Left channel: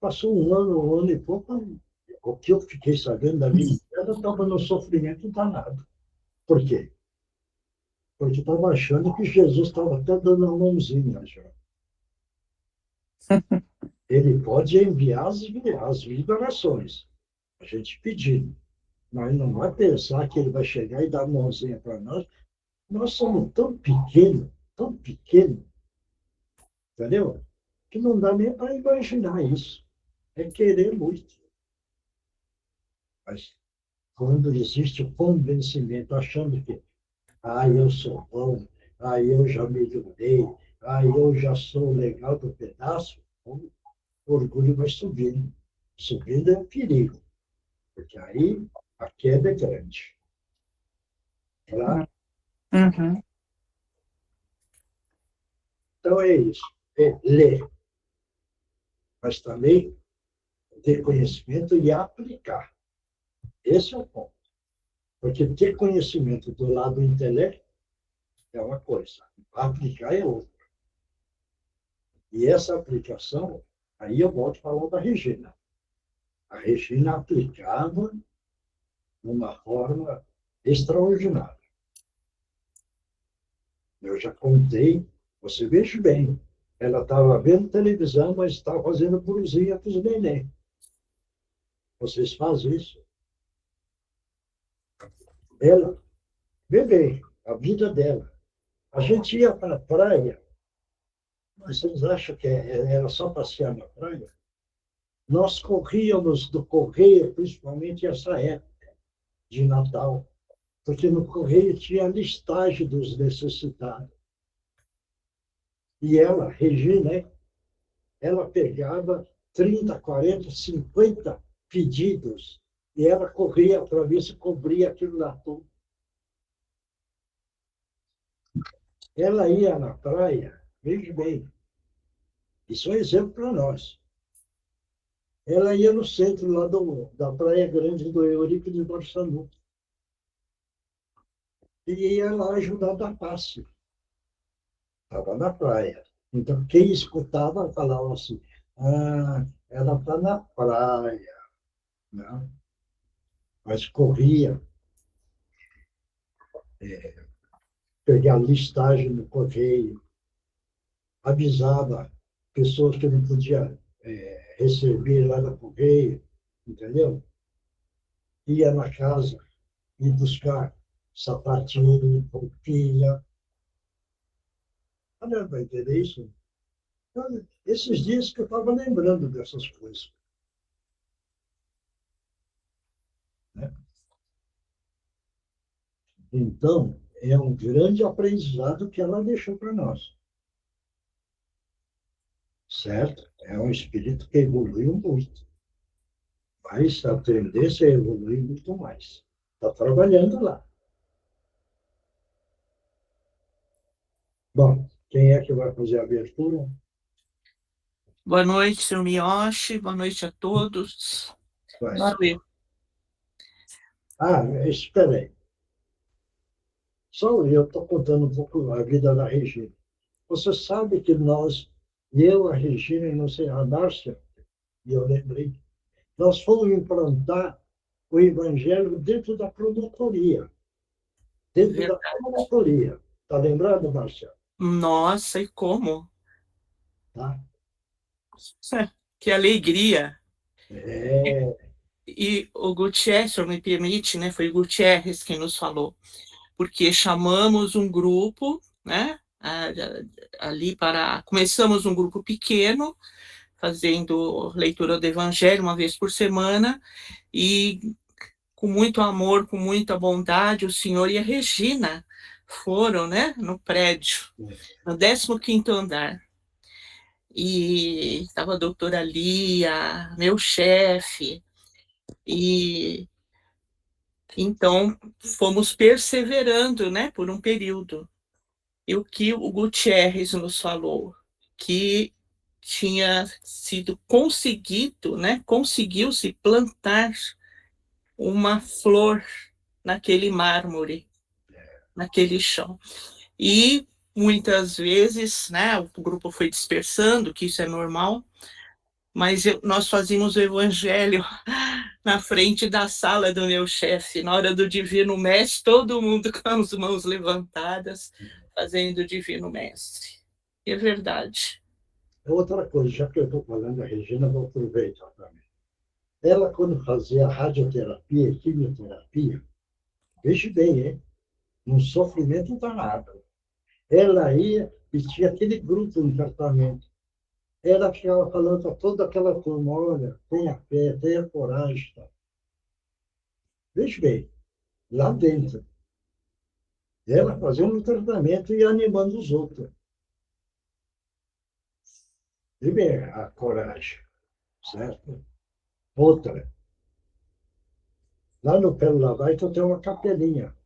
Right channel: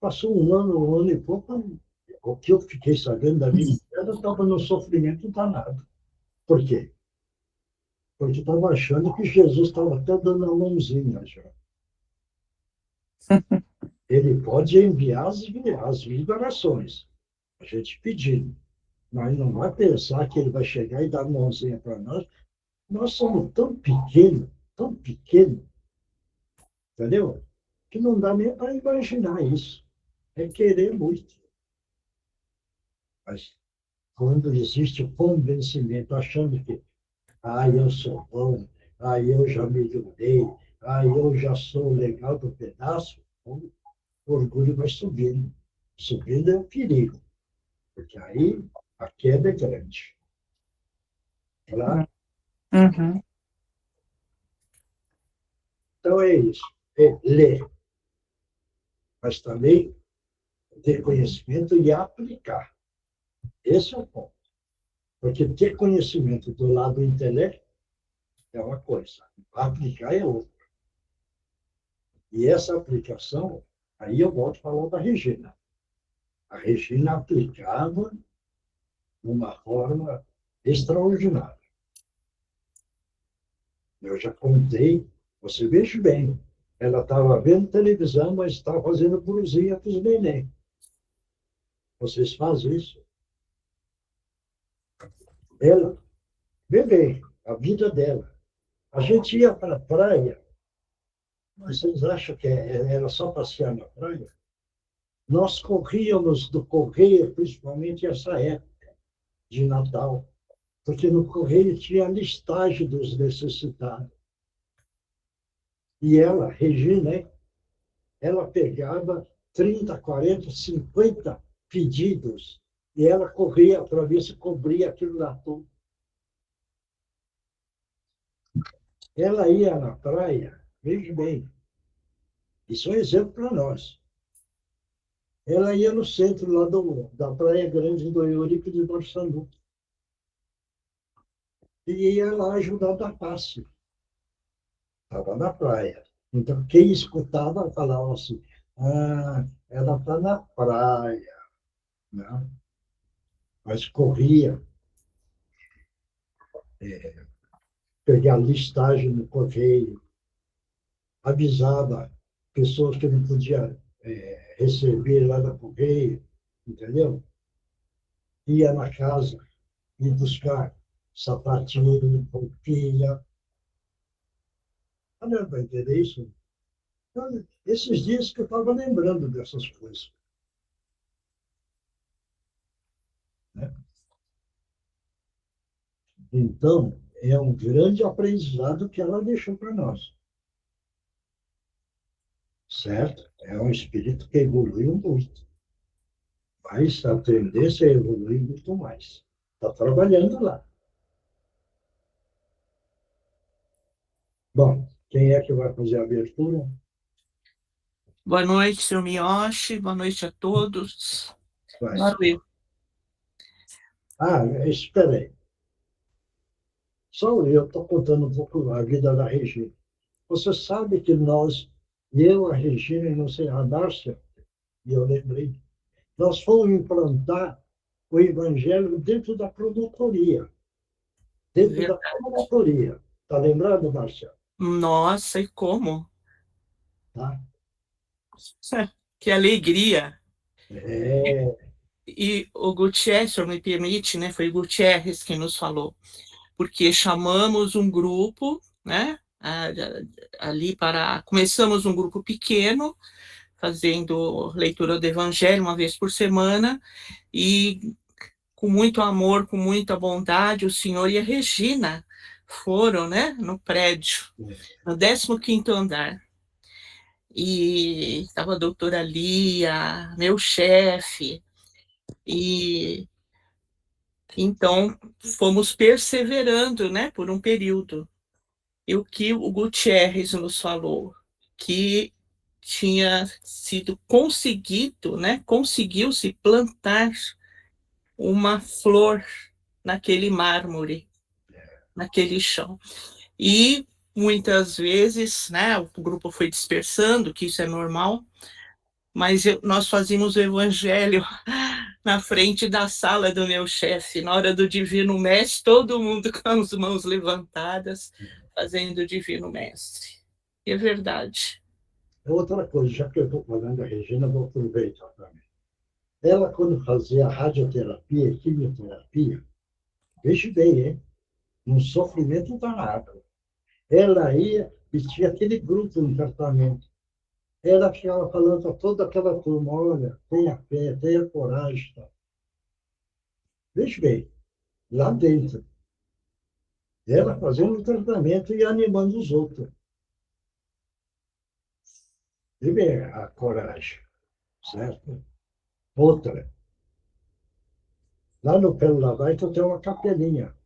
Passou um ano e pouco, o que eu fiquei sabendo da vida dela, estava no sofrimento danado. Por quê? Porque estava achando que Jesus estava até dando a mãozinha já. Ele pode enviar as vibrações, a gente pedindo, mas não vai pensar que ele vai chegar e dar a mãozinha para nós. Nós somos tão pequenos, entendeu? Que não dá nem para imaginar isso. É querer muito. Mas quando existe o convencimento, achando que, eu sou bom, eu já melhorei, eu já sou legal do pedaço, o orgulho vai subindo. Subindo é um perigo, porque aí a queda é grande. Tá? Uhum. Então é isso. É ler, mas também ter conhecimento e aplicar. Esse é o ponto. Porque ter conhecimento do lado do intelecto é uma coisa, aplicar é outra. E essa aplicação, aí eu volto a falar da Regina. A Regina aplicava de uma forma extraordinária. Eu já contei, você veja bem, ela estava vendo televisão, mas estava fazendo cruzinha para os neném. Vocês fazem isso? Ela, bebê, a vida dela. A gente ia para a praia, mas vocês acham que era só passear na praia? Nós corríamos do correio, principalmente essa época de Natal, porque no correio tinha a listagem dos necessitados. E ela, Regina, ela pegava 30, 40, 50 pedidos e ela corria para ver se cobria aquilo lá tudo. Ela ia na praia, veja bem, isso é um exemplo para nós. Ela ia no centro lá da Praia Grande do Eurico de Barçanu e ia lá ajudar da passe. Estava na praia. Então, quem escutava falava assim, ela está na praia, né? Mas corria, pegar listagem no correio, avisava pessoas que não podiam receber lá no correio, entendeu? Ia na casa e buscar sapatinho, roupinha. Não vai entender isso? Então, esses dias que eu estava lembrando dessas coisas. Né? Então, é um grande aprendizado que ela deixou para nós. Certo? É um espírito que evoluiu muito. Mas a tendência é evoluir muito mais. Está trabalhando lá. Bom, quem é que vai fazer a abertura? Boa noite, senhor Miyoshi. Boa noite a todos. Vai. Valeu. Espera aí. Só eu estou contando um pouco a vida da Regina. Você sabe que eu, a Regina e não sei, a Márcia, e eu lembrei, nós fomos implantar o evangelho dentro da promotoria. Dentro da promotoria. Está lembrado, Márcia? Nossa, e como? Tá? Que alegria! É, E o Gutierrez, se me permite, né? Foi o Gutierrez quem nos falou, porque chamamos um grupo, né? Ali para. Começamos um grupo pequeno, fazendo leitura do Evangelho uma vez por semana, e com muito amor, com muita bondade, o senhor e a Regina foram, né? No prédio, no 15º andar. E estava a doutora Lia, meu chefe, e então fomos perseverando, né, por um período. E o que o Gutierrez nos falou, que tinha sido conseguido, né, conseguiu-se plantar uma flor naquele mármore, naquele chão. E muitas vezes, né, o grupo foi dispersando, que isso é normal, mas nós fazíamos o evangelho na frente da sala do meu chefe, na hora do Divino Mestre, todo mundo com as mãos levantadas, fazendo o Divino Mestre. É verdade. Outra coisa, já que eu estou falando da Regina, vou aproveitar também. Ela, quando fazia radioterapia, quimioterapia, veja bem, hein? Um sofrimento danado. Ela ia e tinha aquele grupo no tratamento. Ela ficava falando para toda aquela turma, olha, tenha fé, tenha coragem. Tá? Veja bem, lá dentro. Ela fazendo o tratamento e animando os outros. Veja bem, a coragem, certo? Outra, lá no Pelo Lavaito tem uma capelinha.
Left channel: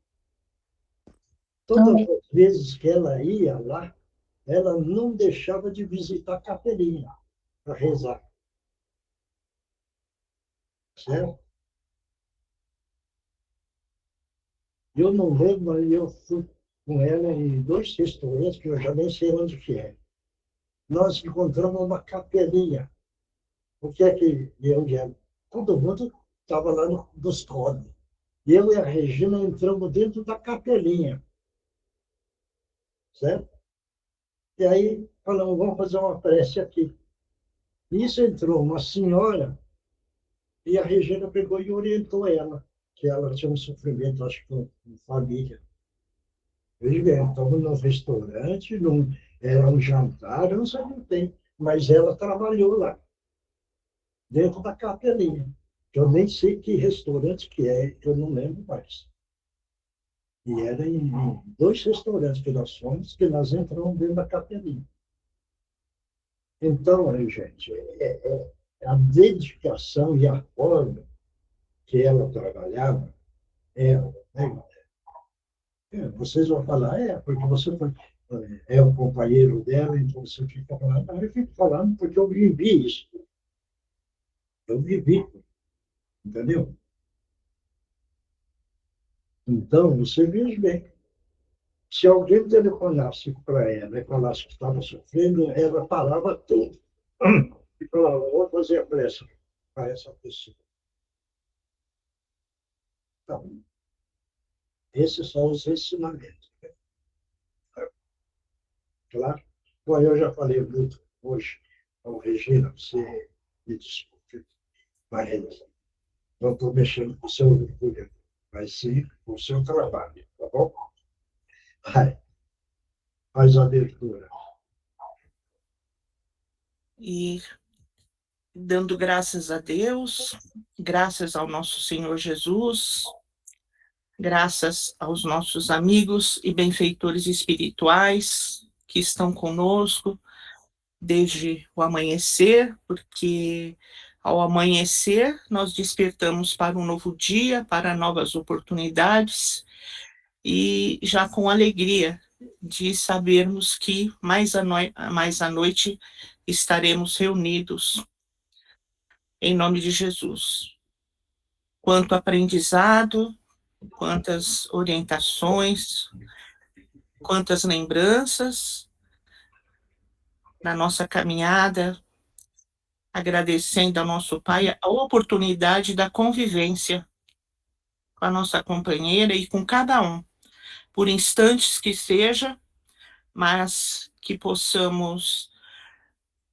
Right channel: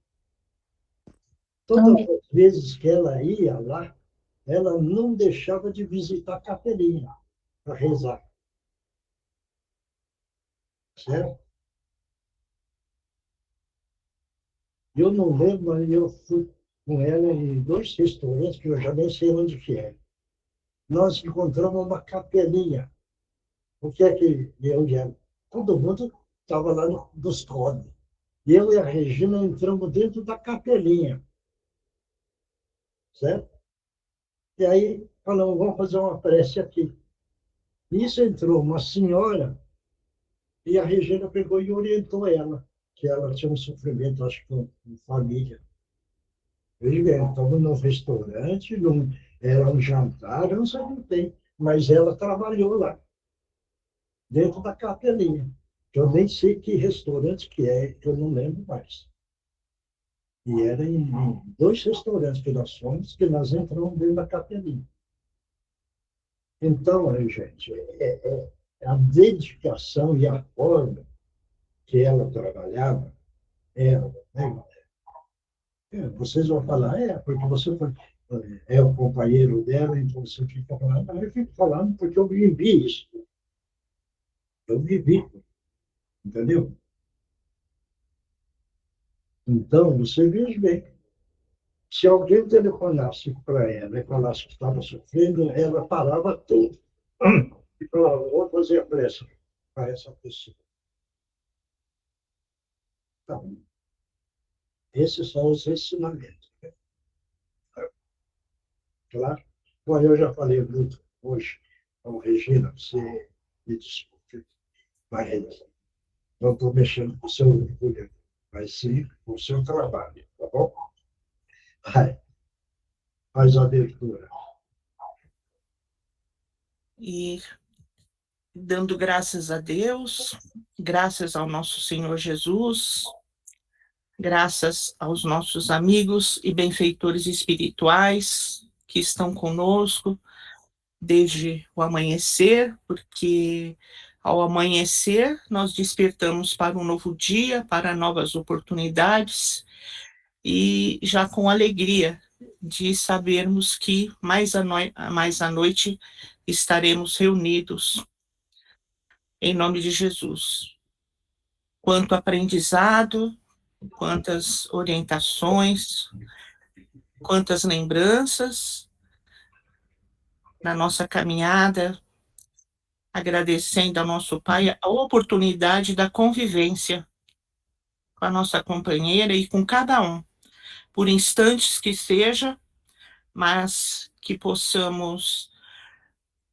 Todas as vezes que ela ia lá, ela não deixava de visitar a capelinha para rezar. Certo? Eu não lembro, mas eu fui com ela em 2 restaurantes, que eu já nem sei onde que é. Nós encontramos uma capelinha. O que é que eu já... Todo mundo estava lá nos códigos. Eu e a Regina entramos dentro da capelinha. Certo? E aí falamos, vamos fazer uma prece aqui. Nisso entrou uma senhora e a Regina pegou e orientou ela, que ela tinha um sofrimento, acho que com família. Veja bem, estamos num restaurante, era um jantar, eu não sei o que tem, mas ela trabalhou lá, dentro da capelinha. Eu nem sei que restaurante que é, eu não lembro mais. E era em 2 restaurantes que nós fomos, que nós entramos dentro da capelinha. Então, aí, gente, a dedicação e a forma que ela trabalhava, ela, né? Vocês vão falar, porque você foi, é o companheiro dela, então você fica falando. Não, eu fico falando porque eu vivi isso. Eu vivi, entendeu? Então, você veja bem. Se alguém telefonasse para ela e falasse que estava sofrendo, ela parava tudo e falava, vou fazer a pressa para essa pessoa. Então, esses são os ensinamentos. Claro. Bom, eu já falei muito hoje. Então, Regina, você me desculpe, mas não estou mexendo com o seu orgulho, mas sim com o seu trabalho, tá bom? Vai, faz a abertura. E dando graças a Deus, graças ao nosso Senhor Jesus, graças aos nossos amigos e benfeitores espirituais que estão conosco desde o amanhecer, porque ao amanhecer nós despertamos para um novo dia, para novas oportunidades e já com alegria de sabermos que mais à noite estaremos reunidos em nome de Jesus. Quanto aprendizado, quantas orientações, quantas lembranças na nossa caminhada, agradecendo ao nosso Pai a oportunidade da convivência com a nossa companheira e com cada um, por instantes que seja, mas que possamos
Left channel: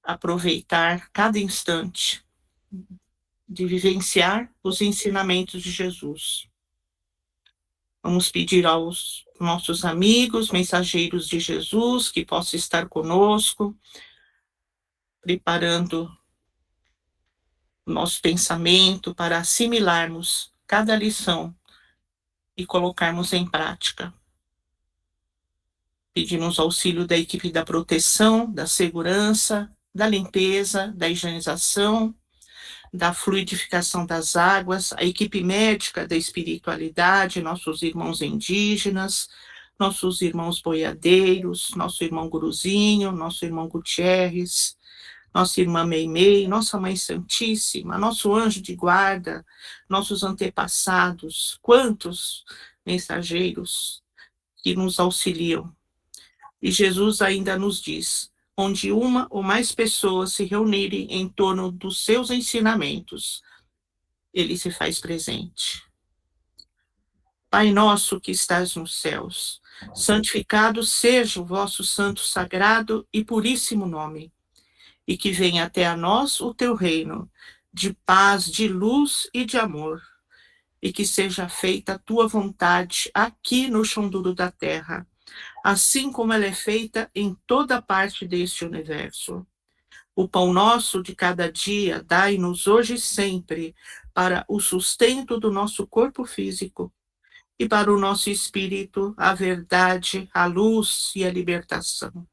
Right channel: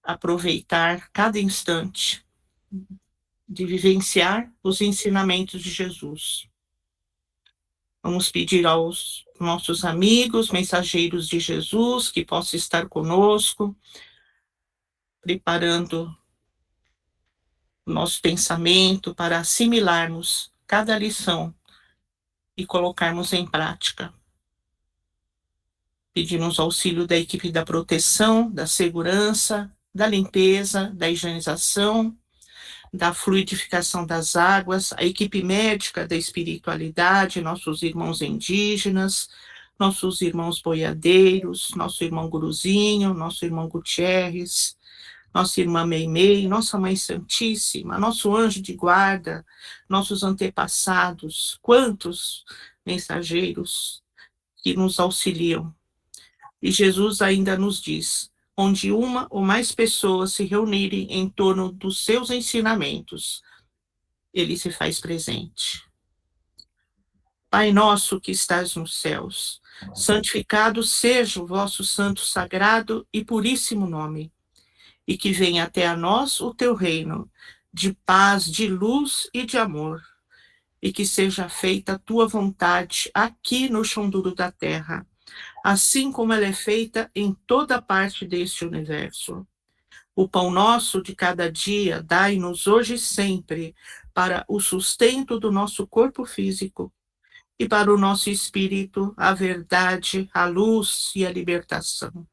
aproveitar cada instante de vivenciar os ensinamentos de Jesus. Vamos pedir aos nossos amigos, mensageiros de Jesus, que possam estar conosco, preparando o nosso pensamento para assimilarmos cada lição e colocarmos em prática. Pedimos auxílio da equipe da proteção, da segurança, da limpeza, da higienização, da fluidificação das águas, a equipe médica da espiritualidade, nossos irmãos indígenas, nossos irmãos boiadeiros, nosso irmão Guruzinho, nosso irmão Gutierrez, nossa irmã Meimei, nossa Mãe Santíssima, nosso anjo de guarda, nossos antepassados, quantos mensageiros que nos auxiliam. E Jesus ainda nos diz: onde uma ou mais pessoas se reunirem em torno dos seus ensinamentos, ele se faz presente. Pai nosso que estás nos céus, santificado seja o vosso santo, sagrado e puríssimo nome, e que venha até a nós o teu reino, de paz, de luz e de amor, e que seja feita a tua vontade aqui no chão duro da terra, assim como ela é feita em toda parte deste universo. O pão nosso de cada dia dai-nos hoje e sempre, para o sustento do nosso corpo físico, e para o nosso espírito a verdade, a luz e a libertação.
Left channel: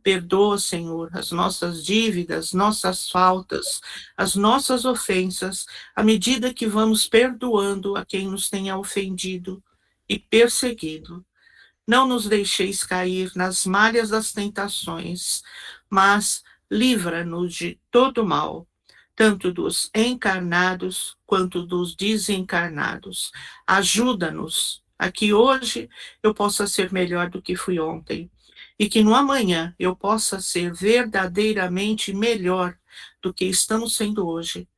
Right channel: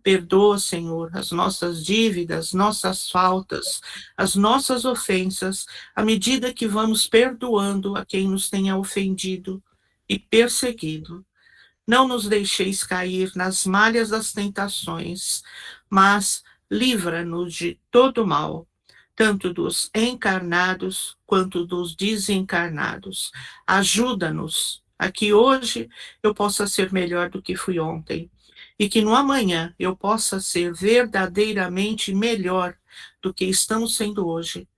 Perdoa, Senhor, as nossas dívidas, nossas faltas, as nossas ofensas, à medida que vamos perdoando a quem nos tenha ofendido e perseguido. Não nos deixeis cair nas malhas das tentações, mas livra-nos de todo mal, tanto dos encarnados quanto dos desencarnados. Ajuda-nos a que hoje eu possa ser melhor do que fui ontem, e que no amanhã eu possa ser verdadeiramente melhor do que estamos sendo hoje.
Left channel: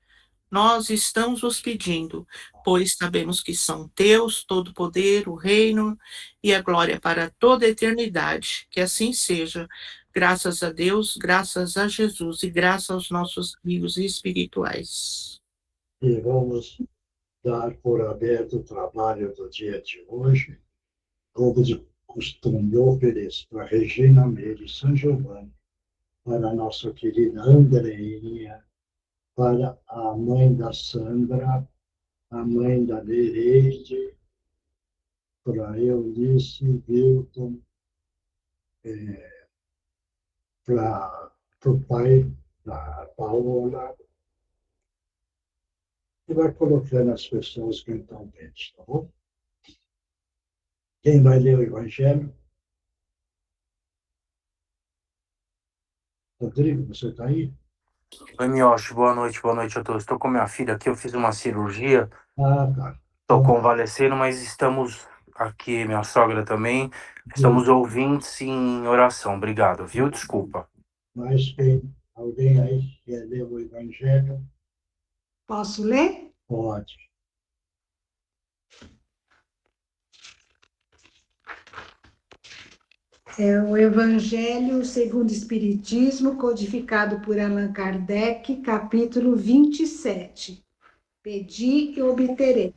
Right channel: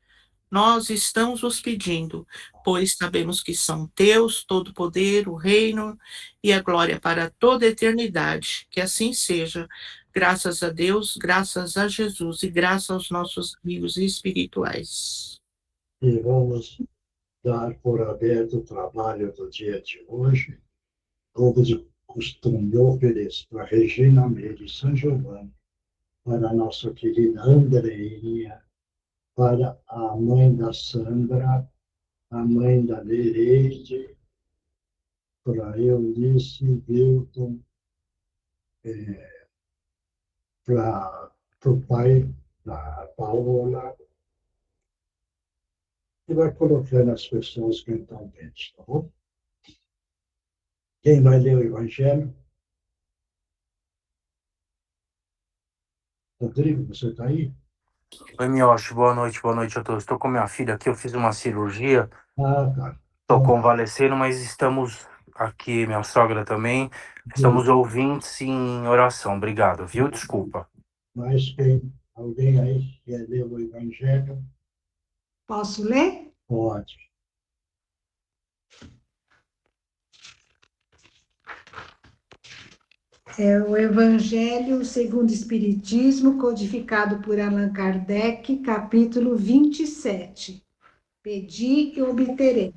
Nós estamos os pedindo, pois sabemos que são teus todo o poder, o reino e a glória para toda a eternidade. Que assim seja. Graças a Deus, graças a Jesus e graças aos nossos amigos espirituais. E vamos dar por aberto o trabalho do dia de hoje, como de costume, eu ofereço para Regina Meire São Giovanni, para a nossa querida Andreinha, para a mãe da Sandra, a mãe da Nereide, para Eunice, Wilton, para o pai da Paola, e vai colocando as pessoas que estão dentro, tá bom? Quem vai ler o Evangelho? Rodrigo, você está aí? Oi, Mioshi, boa noite a todos. Estou com minha filha aqui, eu fiz uma cirurgia, Ah, tá. estou convalescendo, mas estamos aqui, minha sogra também, estamos ouvintes em oração. Obrigado, viu? Desculpa. Mas alguém aí quer ler o Evangelho? Posso ler? Pode. É o Evangelho segundo o Espiritismo, codificado por Allan Kardec, capítulo 27. Pedi e obterei.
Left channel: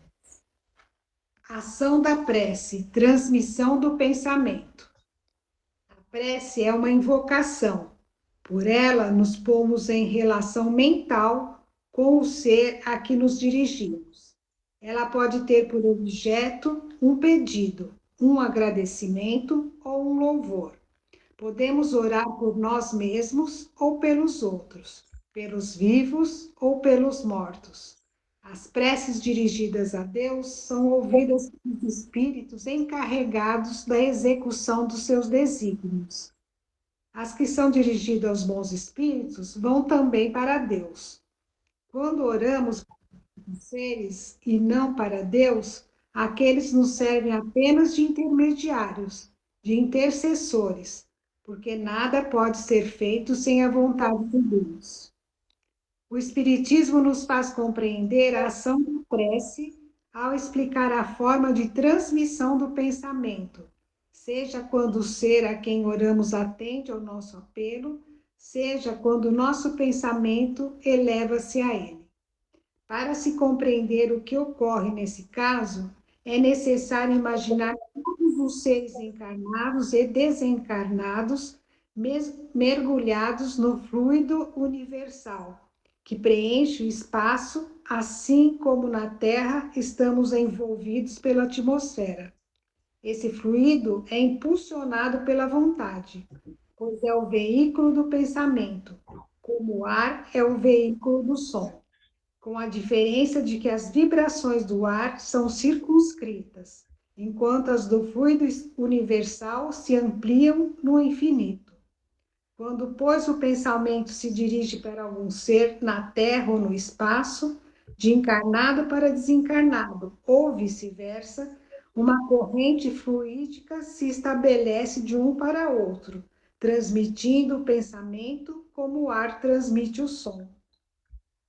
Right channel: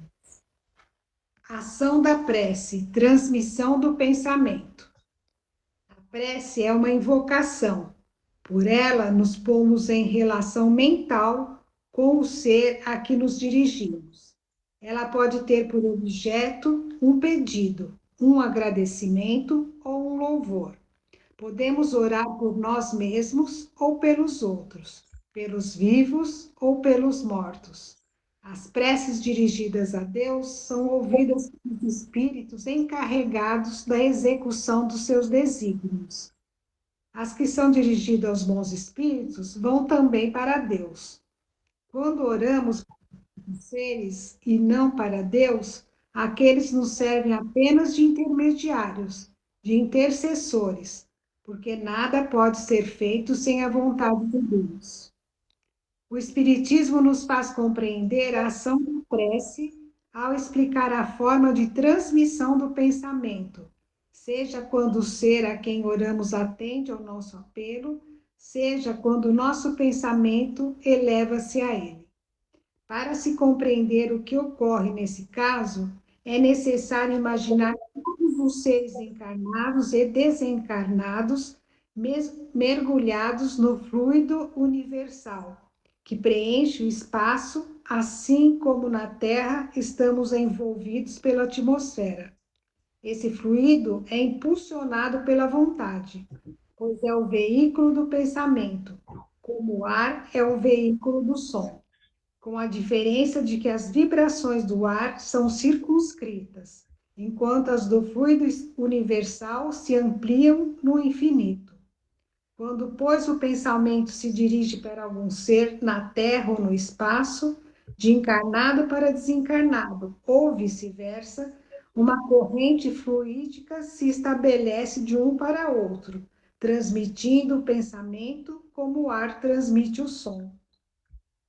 Ação da prece, transmissão do pensamento. A prece é uma invocação. Por ela, nos pomos em relação mental com o ser a que nos dirigimos. Ela pode ter por objeto um pedido, um agradecimento ou um louvor. Podemos orar por nós mesmos ou pelos outros, pelos vivos ou pelos mortos. As preces dirigidas a Deus são ouvidas pelos espíritos encarregados da execução dos seus desígnios. As que são dirigidas aos bons espíritos vão também para Deus. Quando oramos para os seres e não para Deus, aqueles nos servem apenas de intermediários, de intercessores, porque nada pode ser feito sem a vontade de Deus. O Espiritismo nos faz compreender a ação da prece ao explicar a forma de transmissão do pensamento, seja quando o ser a quem oramos atende ao nosso apelo, seja quando o nosso pensamento eleva-se a ele. Para se compreender o que ocorre nesse caso, é necessário imaginar todos os seres encarnados e desencarnados mergulhados no fluido universal, que preenche o espaço, assim como na Terra estamos envolvidos pela atmosfera. Esse fluido é impulsionado pela vontade, pois é o veículo do pensamento, como o ar é o veículo do som, com a diferença de que as vibrações do ar são circunscritas, enquanto as do fluido universal se ampliam no infinito. Quando, pois, o pensamento se dirige para algum ser na Terra ou no espaço, de encarnado para desencarnado, ou vice-versa, uma corrente fluídica se estabelece de um para outro, transmitindo o pensamento como o ar transmite o som.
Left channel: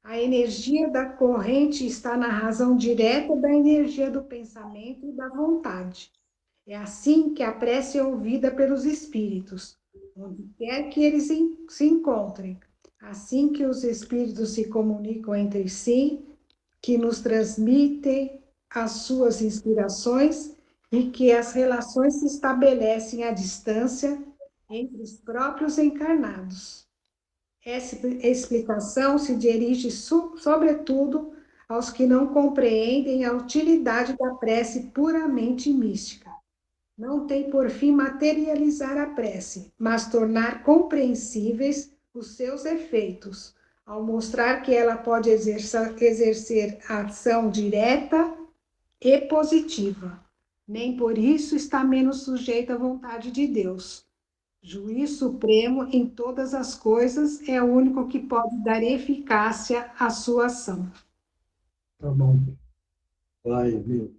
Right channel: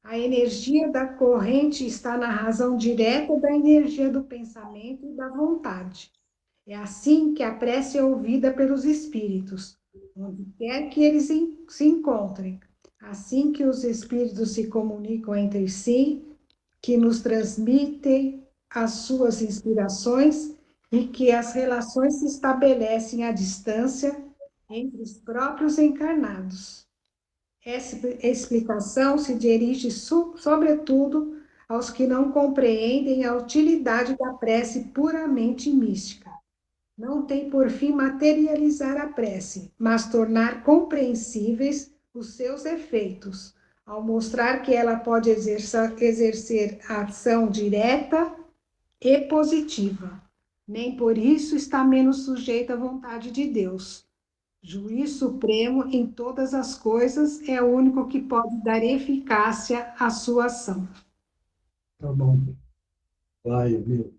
A energia da corrente está na razão direta da energia do pensamento e da vontade. É assim que a prece é ouvida pelos espíritos, onde quer que eles se encontrem. Assim que os espíritos se comunicam entre si, que nos transmitem as suas inspirações e que as relações se estabelecem à distância entre os próprios encarnados. Essa explicação se dirige, sobretudo, aos que não compreendem a utilidade da prece puramente mística. Não tem por fim materializar a prece, mas tornar compreensíveis os seus efeitos, ao mostrar que ela pode exercer ação direta e positiva. Nem por isso está menos sujeita à vontade de Deus. Juiz supremo em todas as coisas é o único que pode dar eficácia à sua ação. Tá bom. Vai, viu?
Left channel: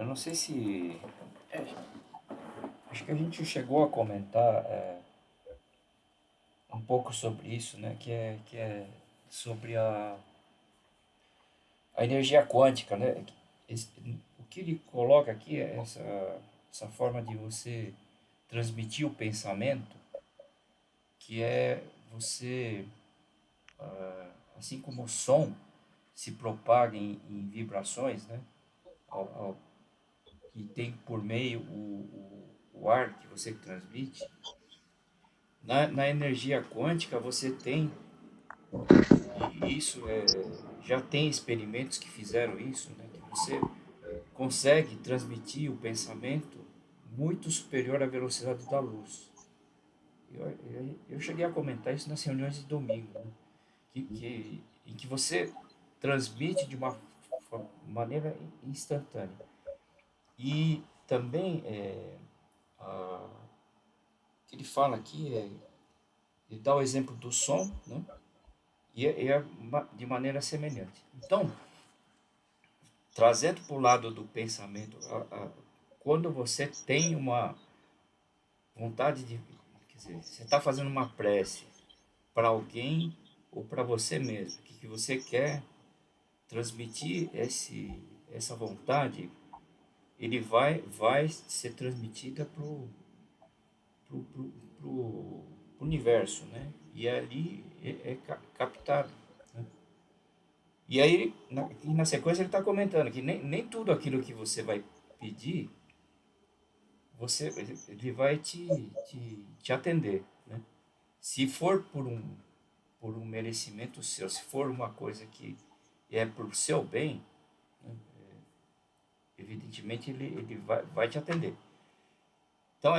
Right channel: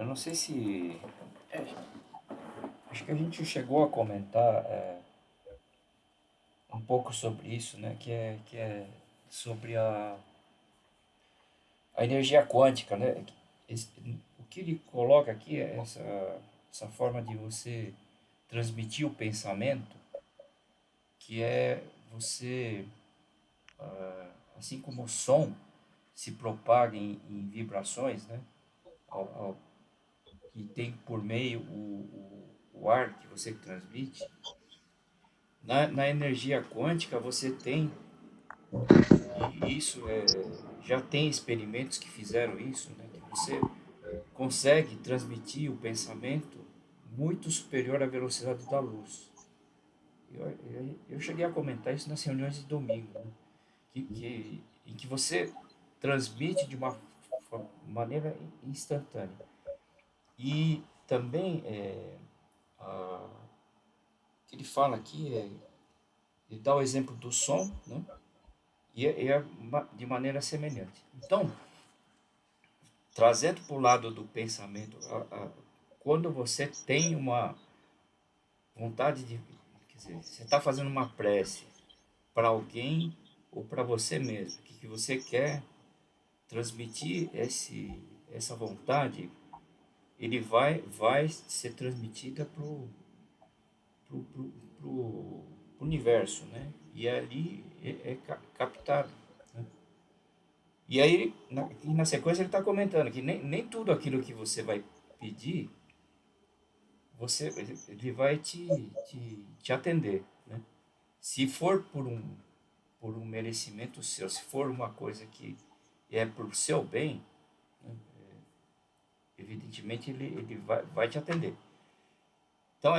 Eu não sei se... acho que a gente chegou a comentar um pouco sobre isso, né? Que é sobre a energia quântica, né? O que ele coloca aqui é essa forma de você transmitir o pensamento, que é você, assim como o som se propaga em vibrações, né? Que tem por meio o ar que você transmite, na energia quântica você tem, e isso já tem experimentos que fizeram isso, né? Que você consegue transmitir o pensamento muito superior à velocidade da luz. Eu cheguei a comentar isso nas reuniões de domingo, né? Em que você transmite de uma maneira instantânea. E também, que ele fala aqui, ele dá o exemplo do som, né? E é de maneira semelhante. Então, trazendo para o lado do pensamento, quando você tem uma vontade de... Quer dizer, você está fazendo uma prece para alguém ou para você mesmo, que você quer transmitir essa vontade, ele vai ser transmitida pro universo, né? E ali é captado, né? E aí, na sequência, ele está comentando que nem tudo aquilo que você vai pedir, ele vai te atender, né? Se for por um merecimento seu, se for uma coisa que é por seu bem, né? Evidentemente ele vai te atender. Então,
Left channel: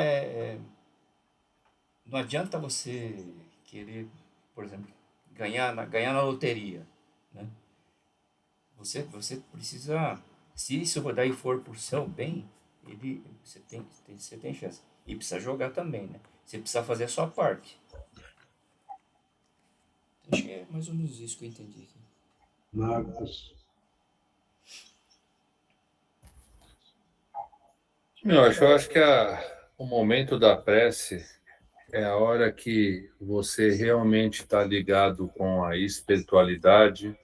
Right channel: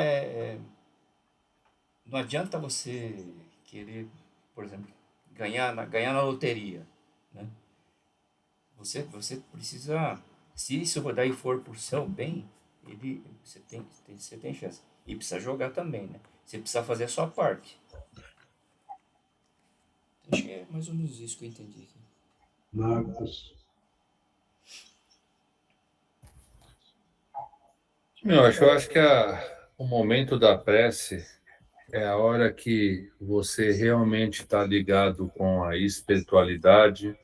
não adianta você querer, por exemplo, ganhar na loteria, né? Você precisa, se isso daí for por seu bem, você tem chance. E precisa jogar também, né? Você precisa fazer a sua parte. Acho que é mais ou menos isso que eu entendi aqui. Marcos. Eu acho que o momento da prece é a hora que você realmente está ligado com a espiritualidade,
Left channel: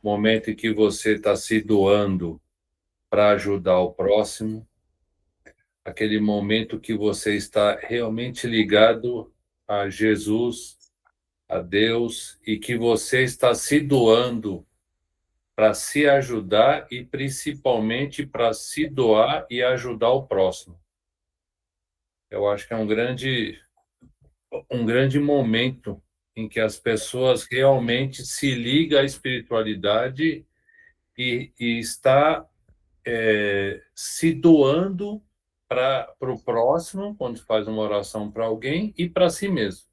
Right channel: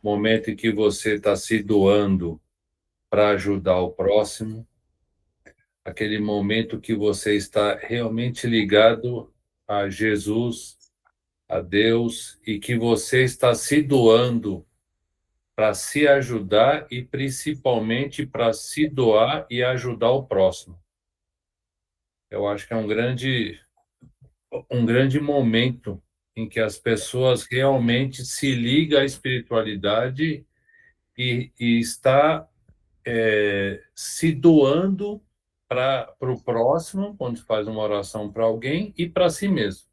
momento em que você está se doando para ajudar o próximo, aquele momento que você está realmente ligado a Jesus, a Deus, e que você está se doando para se ajudar e principalmente para se doar e ajudar o próximo. Eu acho que é um grande momento em que as pessoas realmente se ligam à espiritualidade e está se doando para o próximo, quando faz uma oração para alguém, e para si mesmo.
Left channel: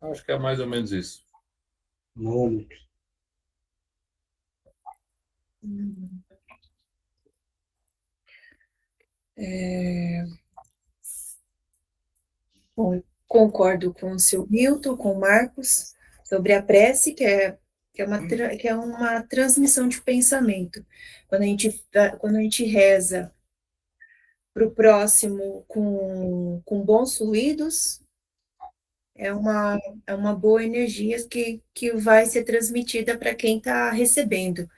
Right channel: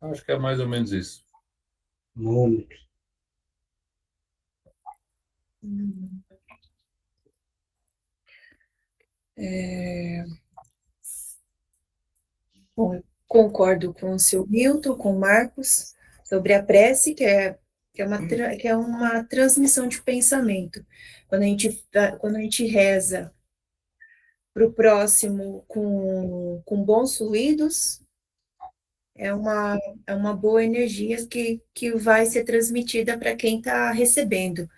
Acho que é mais ou menos isso. Mônica. Bom, concordo com o seu Milton, com o Marcos, sobre a prece, que é que é uma transmissão de pensamento. Quando a gente reza para o próximo com bons fluidos, é uma boa energia que vai ser transmitida para quem está recebendo.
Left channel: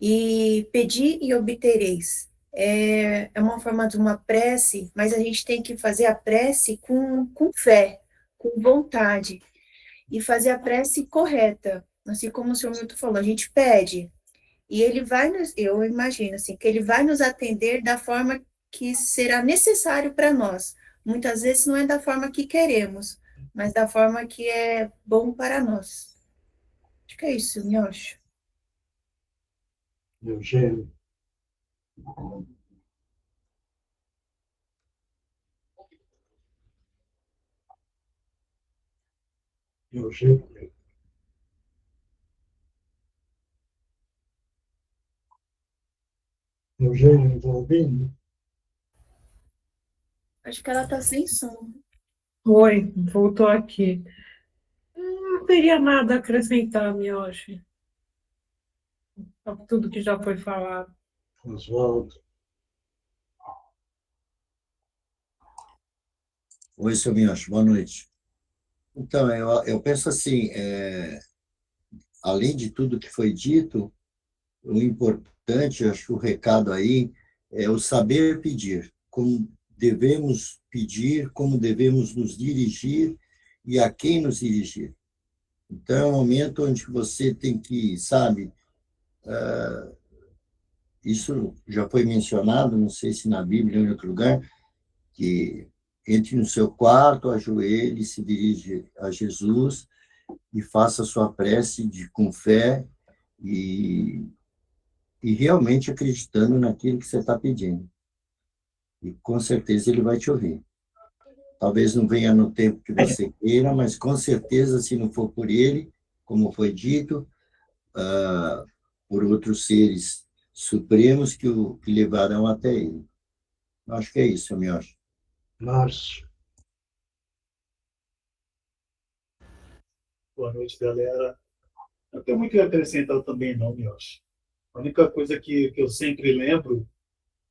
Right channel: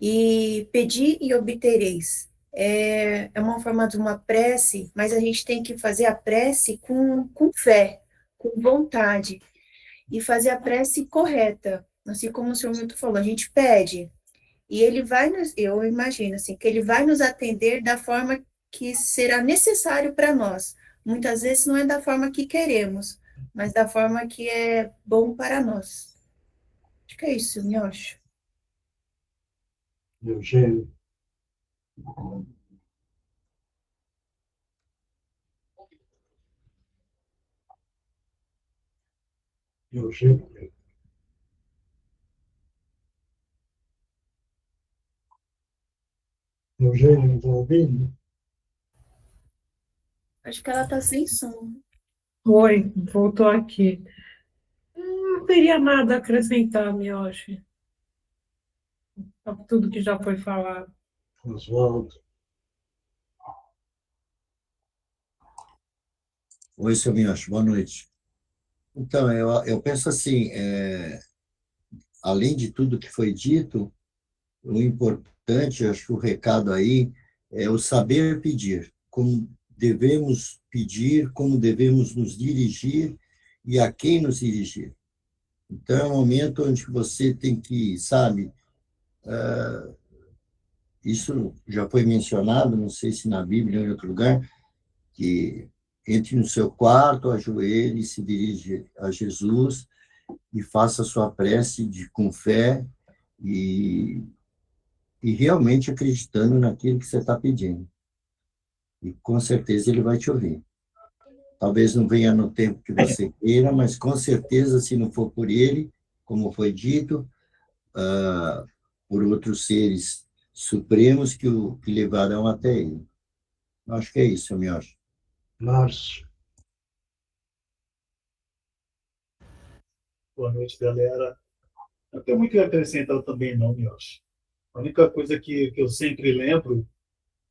E pedir e obtereis. É uma forma de uma prece, mas a gente tem que fazer a prece com fé, com vontade, e fazer a prece correta. Assim como o senhor Milton falou, a gente pede, e ele vai eu imagino assim, que ele vai nos atender da forma que será necessário para nós. Muitas vezes não é da forma que queremos, mas da forma que é bom para nós. Acho que é isso, eu acho. Eugênio. Eugênio. Eugênio, não está ouvindo? Acho que ela está sem som. Oi, voltou aqui. Não teria nada a acrescentar, Mioshi, a tudo que já foi falado. Oswaldo. Oi, seu Minhoche, boa noite. Então, eu penso assim, além de tudo que foi dito, o importante, acho que o recado aí é o saber pedir, como devemos pedir, como devemos nos dirigir e a quem nos dirigir. Então, é um momento onde você tem que, sabe, isso já foi mencionado, não sei se na Bíblia ou em outro lugar, que entre no seu quarto, ajoelhe, se dirige a Jesus e faça a sua prece com fé e realmente acreditando naquilo que você está pedindo. E com certeza ele vai te ouvir. Talvez não venha no tempo que você queira, mas com certeza, se não for por ele, como foi dito, por outros seres supremos que o levarão até ele. Acho que é isso, eu acho. Márcio. Boa noite, galera. Não tem muito a acrescentar também, não, eu acho. A única coisa que eu sempre lembro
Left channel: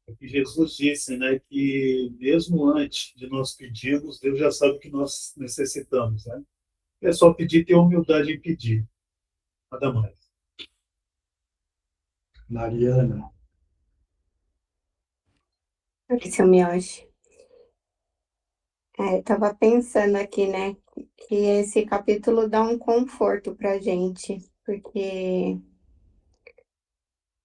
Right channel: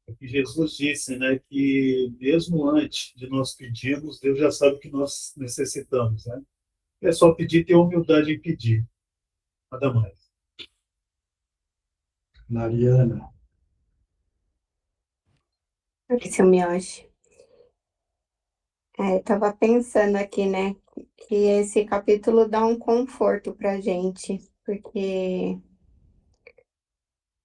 é que Jesus disse, né, que mesmo antes de nós pedirmos, Deus já sabe o que nós necessitamos, né? É só pedir e ter humildade em pedir. Nada mais. Mariana. Oi, seu Miyoshi. Estava pensando aqui, né, que esse capítulo dá um conforto para a gente, porque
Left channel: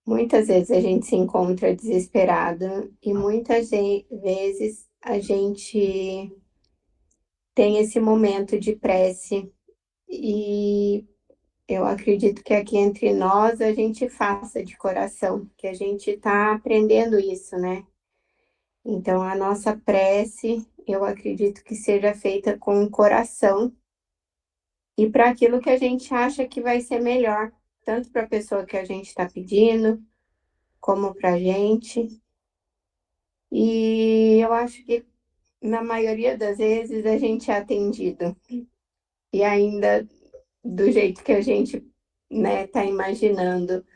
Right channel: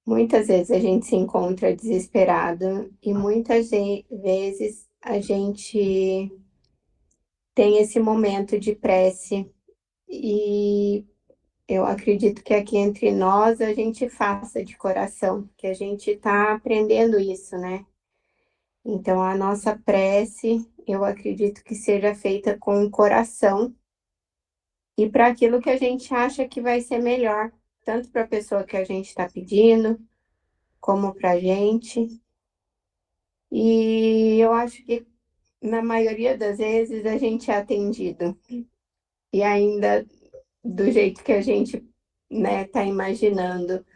muitas vezes a gente se encontra desesperado e muitas vezes a gente tem esse momento de prece e eu acredito que aqui entre nós a gente faça de coração, que a gente está aprendendo isso, né? Então, a nossa prece, eu acredito que seja feita com o coração e para aquilo que a gente acha que vai ser melhor, tanto para a pessoa que a gente está pedindo, como para a gente. E eu acho que, na maioria das vezes, a gente é atendido. E ainda do jeito que a gente, né, está imaginando.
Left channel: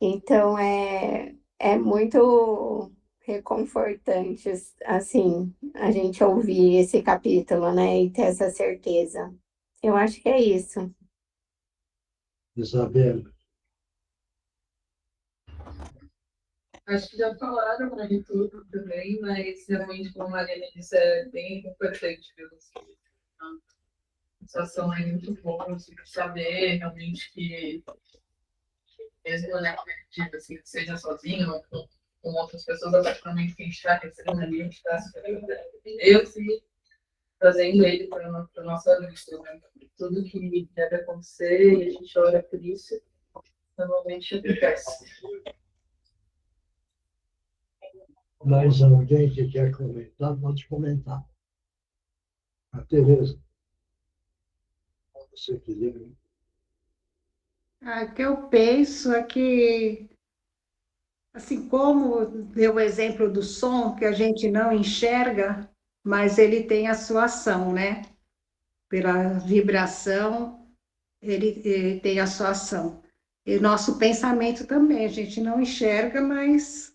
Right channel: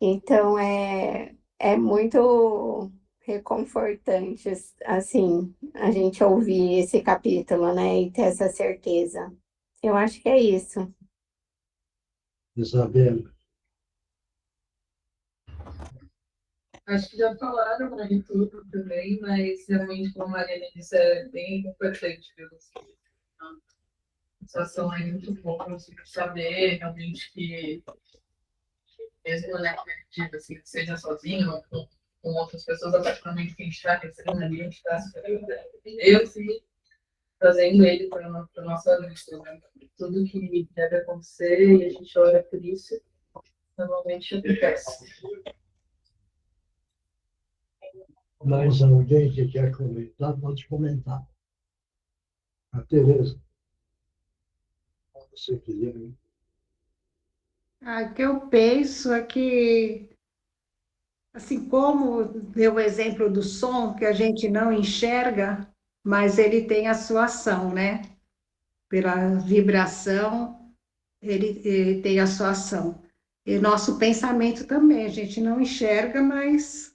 Então, é muito reconfortante, assim, a gente ouvir esse capítulo, né, e ter essa certeza. Eu acho que é isso. Isabela. Acho que já falaram de tudo também, mas realmente, como a Mariana disse, é bem importante ver a situação é muito boa, assim, saber realmente que, mesmo na perspectiva, assim, que seja sozinho ou com outras pessoas, a partir do momento que a gente está recebendo ali, a gente está eu sim trazendo ele para a nossa lista, né? Tudo que deve acontecer e a gente ora por isso, normalmente acontece. Mais alguém que quer comentar, pode comentar. A Tereza. Você quiser. O que eu penso é que, assim como deu o exemplo do som, que a gente não enxerga, mas ele tem a sua ação, né? Pela vibração, ele tem a sua ação. E nosso pensamento também, a gente não enxerga, mas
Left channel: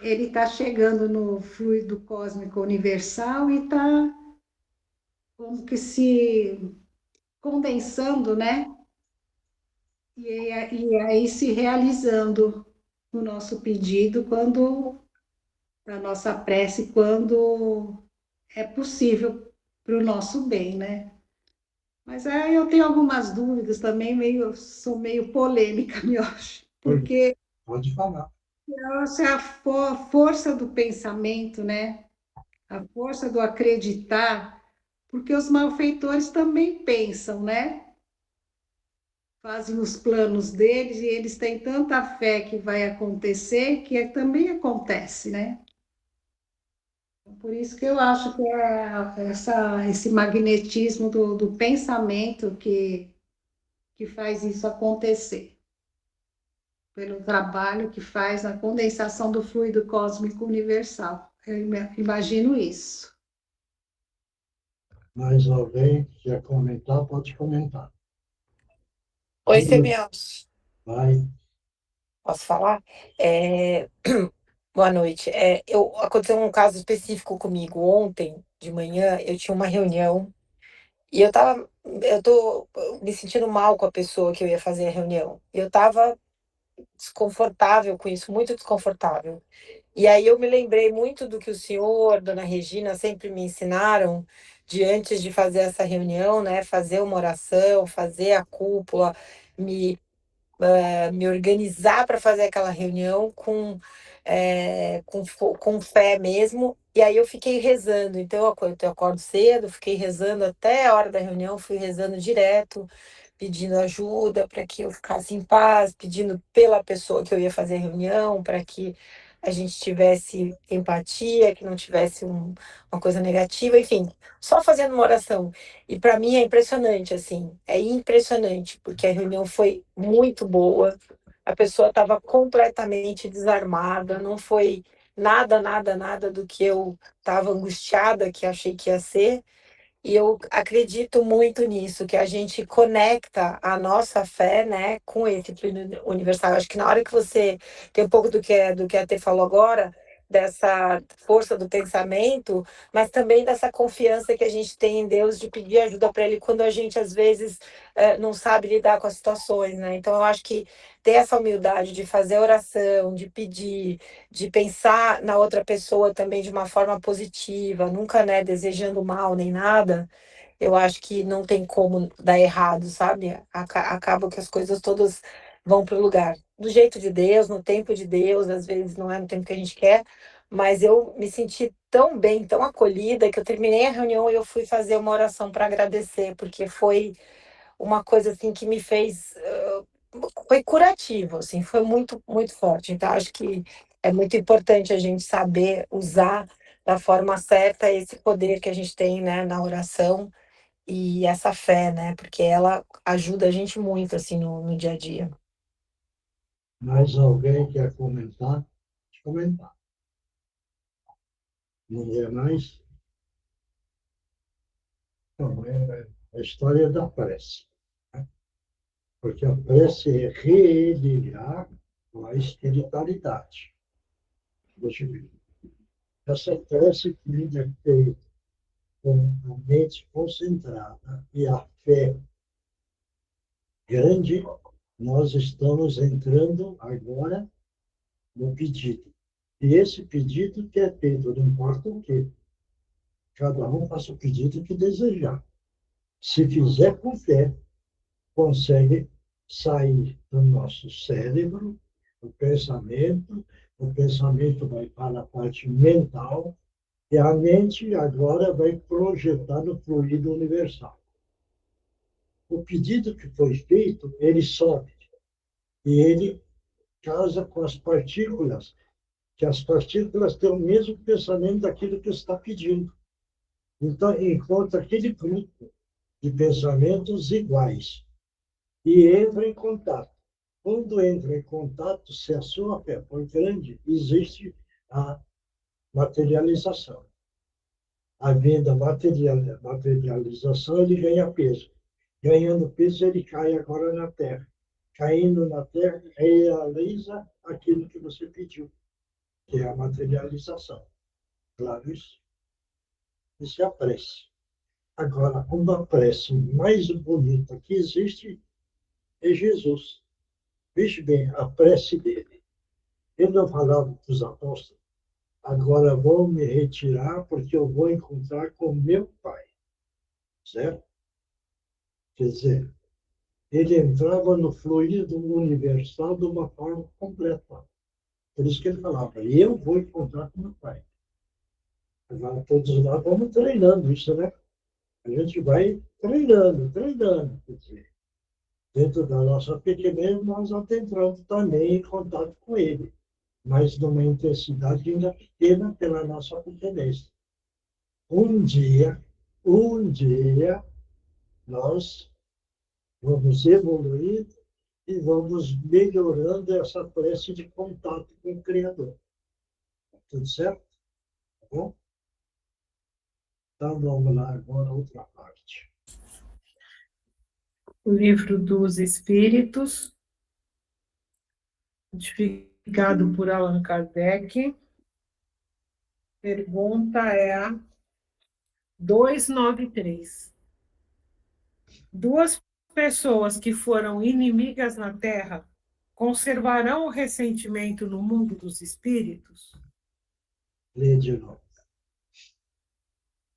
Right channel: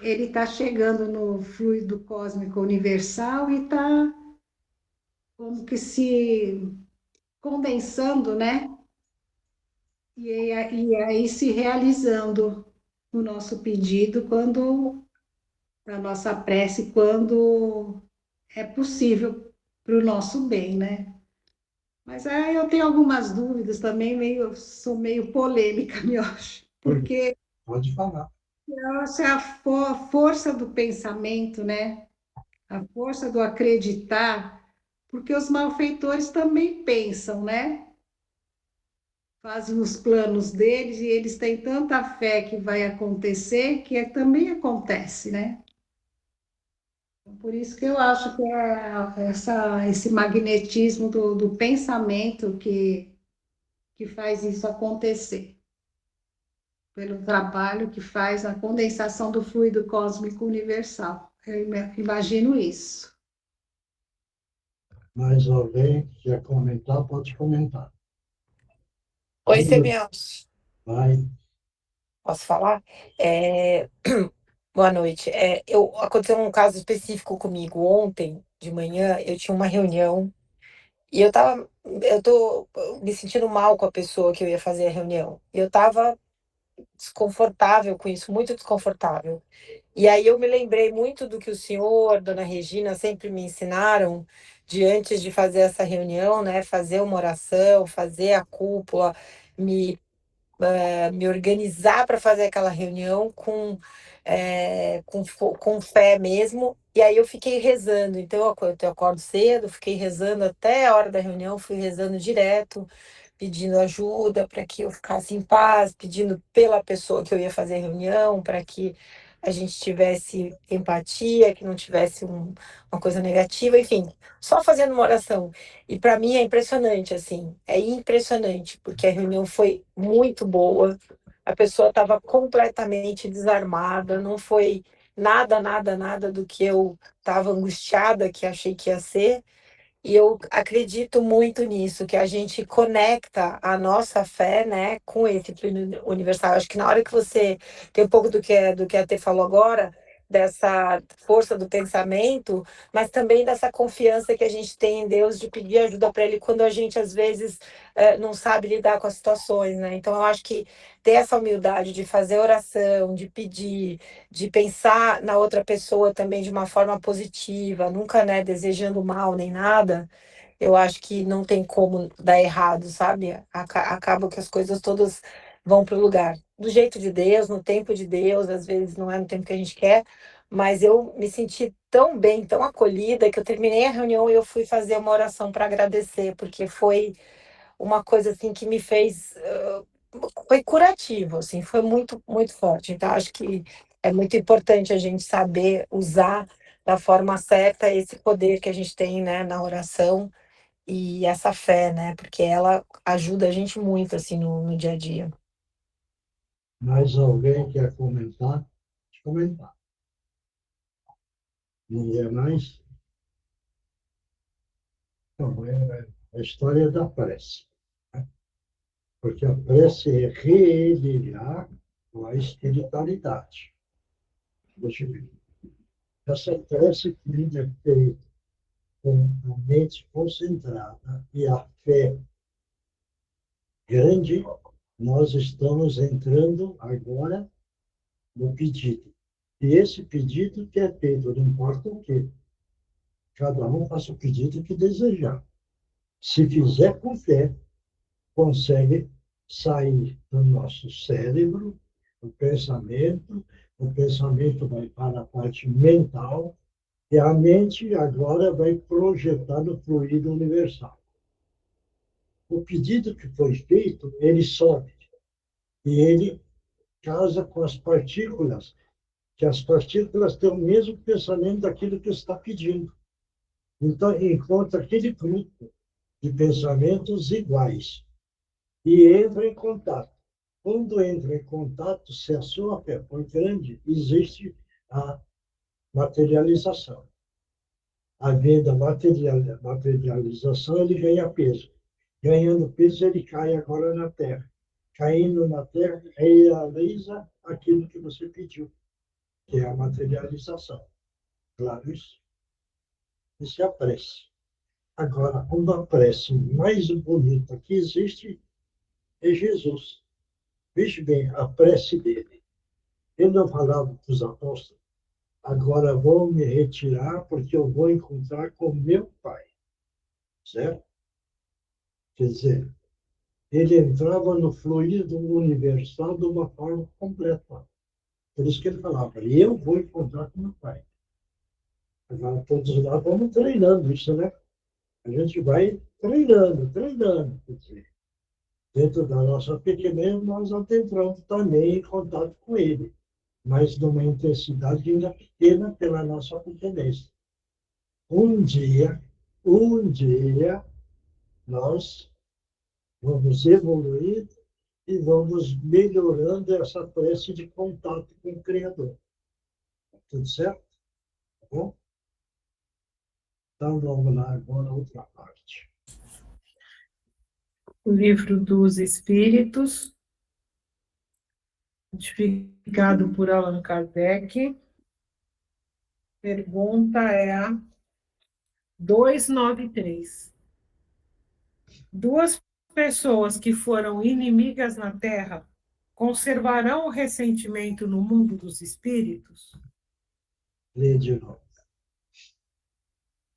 ele está chegando no fluido cósmico universal e está como que se condensando, né? E aí se realizando o nosso pedido quando a nossa prece, quando é possível para o nosso bem, né? Mas aí eu tenho algumas dúvidas também, sou meio polêmica, me acho, porque Pode falar. eu acho a força do pensamento, né? A força do acreditar, porque os malfeitores também pensam, né? Fazem os planos deles e eles têm tanta fé que vai acontecer que também acontece, né? Por isso que eu acho que é esse magnetismo do pensamento que faz isso acontecer, pelo trabalho que faz a condensação do fluido cósmico universal. Eu imagino isso. Mais alguém quer comentar? Pode comentar. Oi, Sebianos. Vai. Posso falar? Boa noite. Aconteceu um caso específico comigo ontem de manhã. Eu tinha uma reunião e eu tô me sentindo mal com a pessoa que eu ia fazer a reunião. Eu tava desconfortável com isso, muito desconfortável. E aí eu me lembrei muito do que o senhor, dona Regina, sempre me ensinaram de antes de fazer essa reunião, né? Fazer uma oração, fazer a cúpula, me organizar para fazer aquela reunião com fé mesmo. E aí eu fiquei rezando. Então eu acordo cedo, fiquei rezando até a hora da reunião, fui rezando direto, pedindo ajuda para que eu ficasse em paz, pedindo pela pessoa que eu ia fazer a reunião, para que a gente tivesse empatia, que não tivesse uma coisa negativa, enfim, só fazendo uma oração. E para mim é impressionante, assim, é impressionante, porque a reunião foi muito boa, a pessoa estava completamente desarmada, não foi nada, nada, nada do que eu estava angustiada, que achei que ia ser. E eu acredito muito nisso, que a gente conecta a nossa fé, né, com esse plano universal. Acho que na hora que você tem um pouco do que a Tê falou agora, dessa força do pensamento, mas também dessa confiança que a gente tem em Deus de pedir ajuda para Ele quando a gente, às vezes, não sabe lidar com as situações, né? Então, eu acho que ter essa humildade de fazer oração, de pedir, de pensar na outra pessoa também de uma forma positiva, nunca, né, desejando mal nem nada, eu acho que não tem como dar errado, sabe? Acaba que as coisas todas vão para o lugar. Do jeito de Deus, no tempo de Deus, às vezes não é no tempo que a gente quer, mas eu me senti tão bem, tão acolhida, que eu terminei a reunião e eu fui fazer uma oração para agradecer, porque foi uma coisa assim que me fez foi curativo, assim, foi muito, muito forte. Então, acho que é muito importante a gente saber usar da forma certa esse poder que a gente tem, né, na oração e essa fé, né, porque ela ajuda a gente muito, assim, no dia a dia. Mais alguém quer comentar? Pode comentar. Ninguém mais? Então, é a história da prece, né? Porque a prece é reeditar com a espiritualidade. Deixa eu ver. Essa prece que é feita com a mente concentrada e a fé grande, nós estamos entrando agora no pedido. E esse pedido que é feito, não importa o quê. Cada um faça o pedido que desejar. Se fizer com fé, consegue sair do nosso cérebro, o pensamento vai para a parte mental, e a mente agora vai projetar no fluido universal. O pedido que foi feito, ele sobe, e ele casa com as partículas, que as partículas têm o mesmo pensamento daquilo que está pedindo. Então, encontra aquele grupo de pensamentos iguais e entra em contato. Quando entra em contato, se a sua fé for grande, existe a materialização. Havendo a materialização, ele ganha peso. Ganhando peso, ele cai agora na Terra. Caindo na Terra, realiza aquilo que você pediu, que é a materialização. Claro isso? Isso é a prece. Agora, uma prece mais bonita que existe é Jesus. Veja bem, a prece dele. Ele não falava para os apóstolos: agora vou me retirar porque eu vou encontrar com meu Pai. Certo? Quer dizer, ele entrava no fluido universal de uma forma completa. Por isso que ele falava: eu vou encontrar com meu Pai. Agora, todos nós vamos treinando isso, né? A gente vai treinando. Quer dizer, dentro da nossa pequenez, nós entramos também em contato com ele, mas numa intensidade ainda pequena pela nossa pequenez. Um dia, nós vamos evoluir e vamos melhorando essa prece de contato com o Criador. Tudo certo? Tá bom? Então, vamos lá agora, outra parte. O Livro dos Espíritos, codificado por Allan Kardec. Pergunta é a 293. Duas pessoas que foram inimigas na Terra conservarão o ressentimento no mundo dos espíritos? Lê de novo.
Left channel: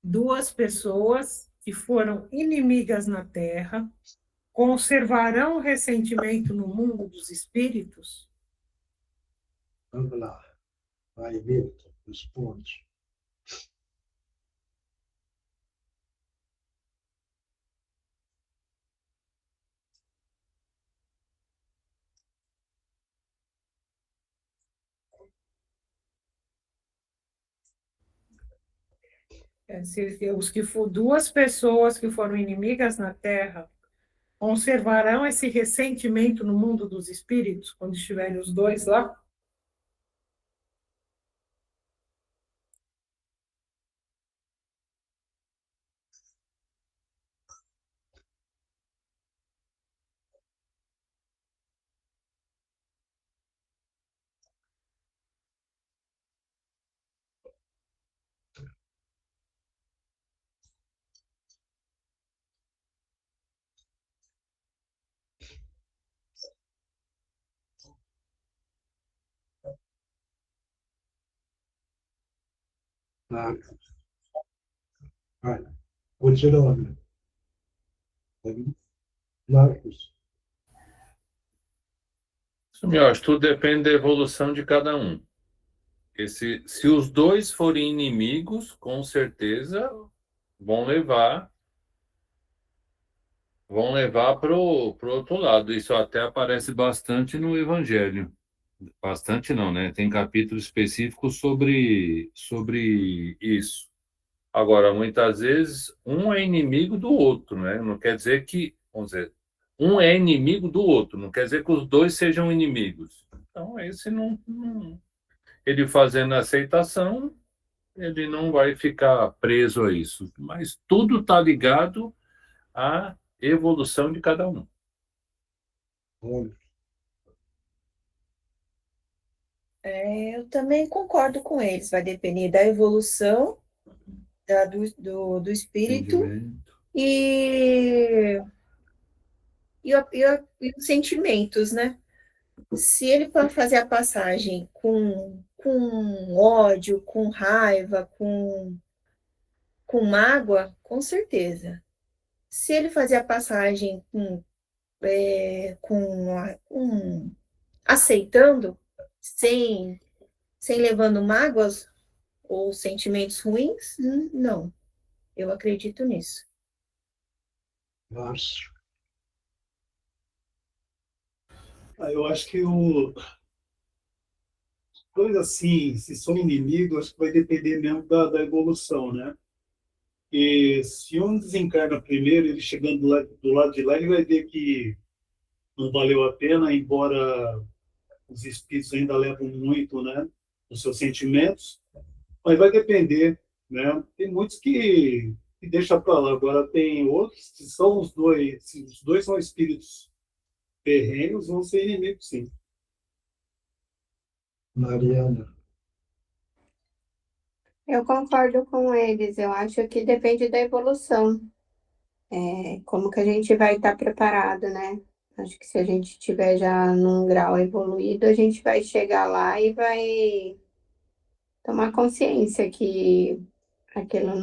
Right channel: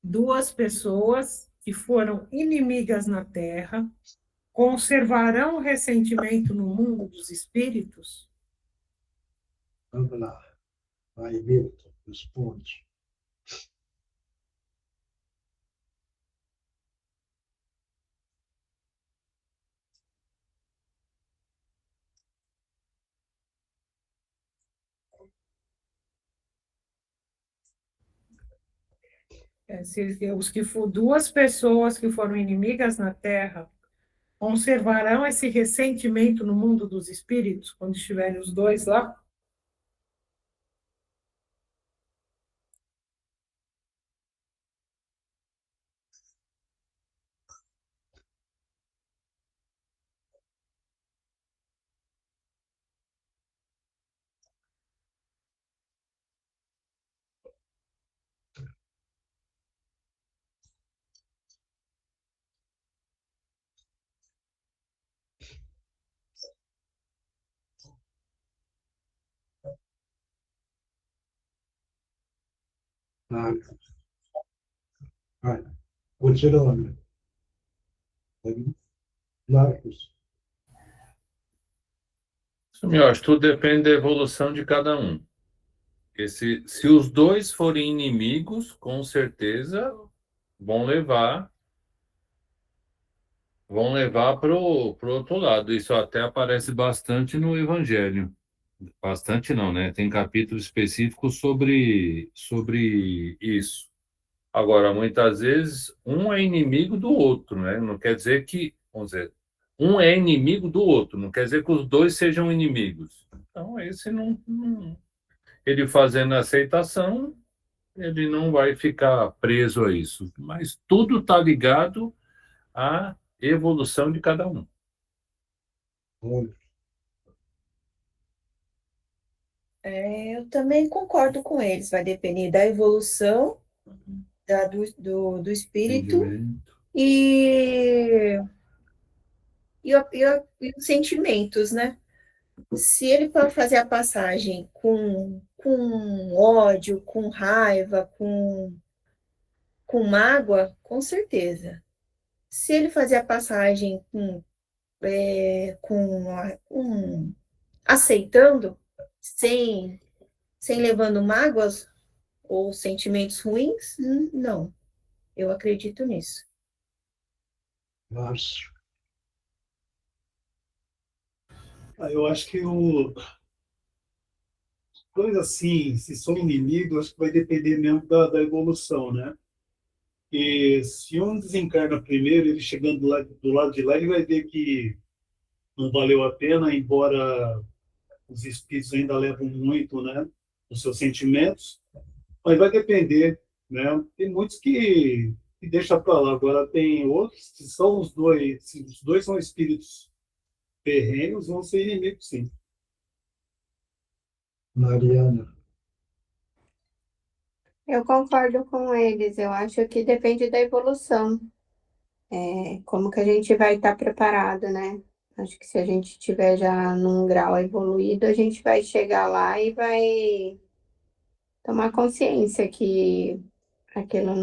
Duas pessoas que foram inimigas na Terra conservarão o ressentimento no mundo dos espíritos? Vamos lá. Vai, Milton, responde. Duas pessoas que foram inimigas na Terra conservarão esse ressentimento no mundo dos espíritos, quando estiverem os dois lá? Vai. Continuando. Marcos. Eu acho que tudo depende da evolução de cada um. Porque se os dois forem inimigos, com certeza vão levar para o outro lado. Isso até aparece bastante no Evangelho. Bastante não, né? Tem capítulos específicos sobre isso. Agora, muitas vezes, um é inimigo do outro, né? Não quer dizer que, vamos dizer, um é inimigo do outro, não quer dizer que os dois sejam inimigos. Então, esse ele fazendo a aceitação, ele não vai ficar preso a isso. Mas tudo está ligado à evolução de cada um. Eu também concordo com eles, vai depender da evolução do espírito e os sentimentos, né? Se ele for fazer a passagem com ódio, com raiva, com mágoa, com certeza. Se ele fazer a passagem aceitando, sem levando mágoas ou sentimentos ruins, não. Eu acredito nisso. Márcio. Eu acho que coisa assim, se são inimigos, acho que vai depender mesmo da evolução, né? E se um desencarna primeiro, ele chegando do lado de lá, ele vai ver que não valeu a pena, embora os espíritos ainda levam muito, né, os seus sentimentos, mas vai depender, né? Tem muitos que e deixa para lá. Agora tem outros que são os dois, se os dois são espíritos terrenos, vão ser inimigos, sim. Mariana. Eu concordo com eles. Eu acho que depende da evolução. Como que a gente vai estar preparado, né? Acho que se a gente estiver já num grau evoluído, a gente vai chegar lá e vai tomar consciência que aquilo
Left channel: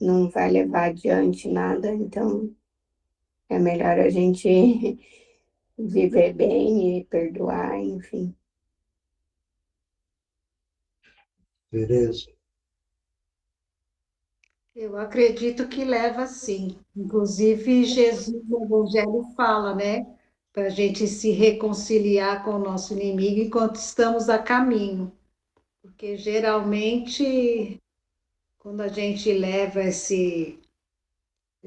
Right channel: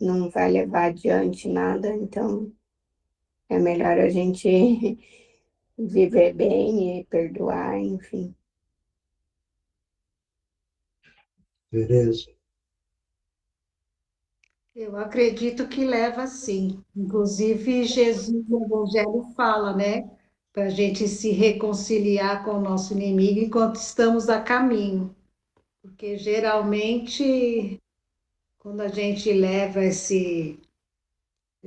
não vai levar adiante nada. Então, é melhor a gente viver bem e perdoar, enfim. Tereza. Eu acredito que leva sim. Inclusive, Jesus no Evangelho fala, né? Para a gente se reconciliar com o nosso inimigo enquanto estamos a caminho. Porque geralmente, quando a gente leva esse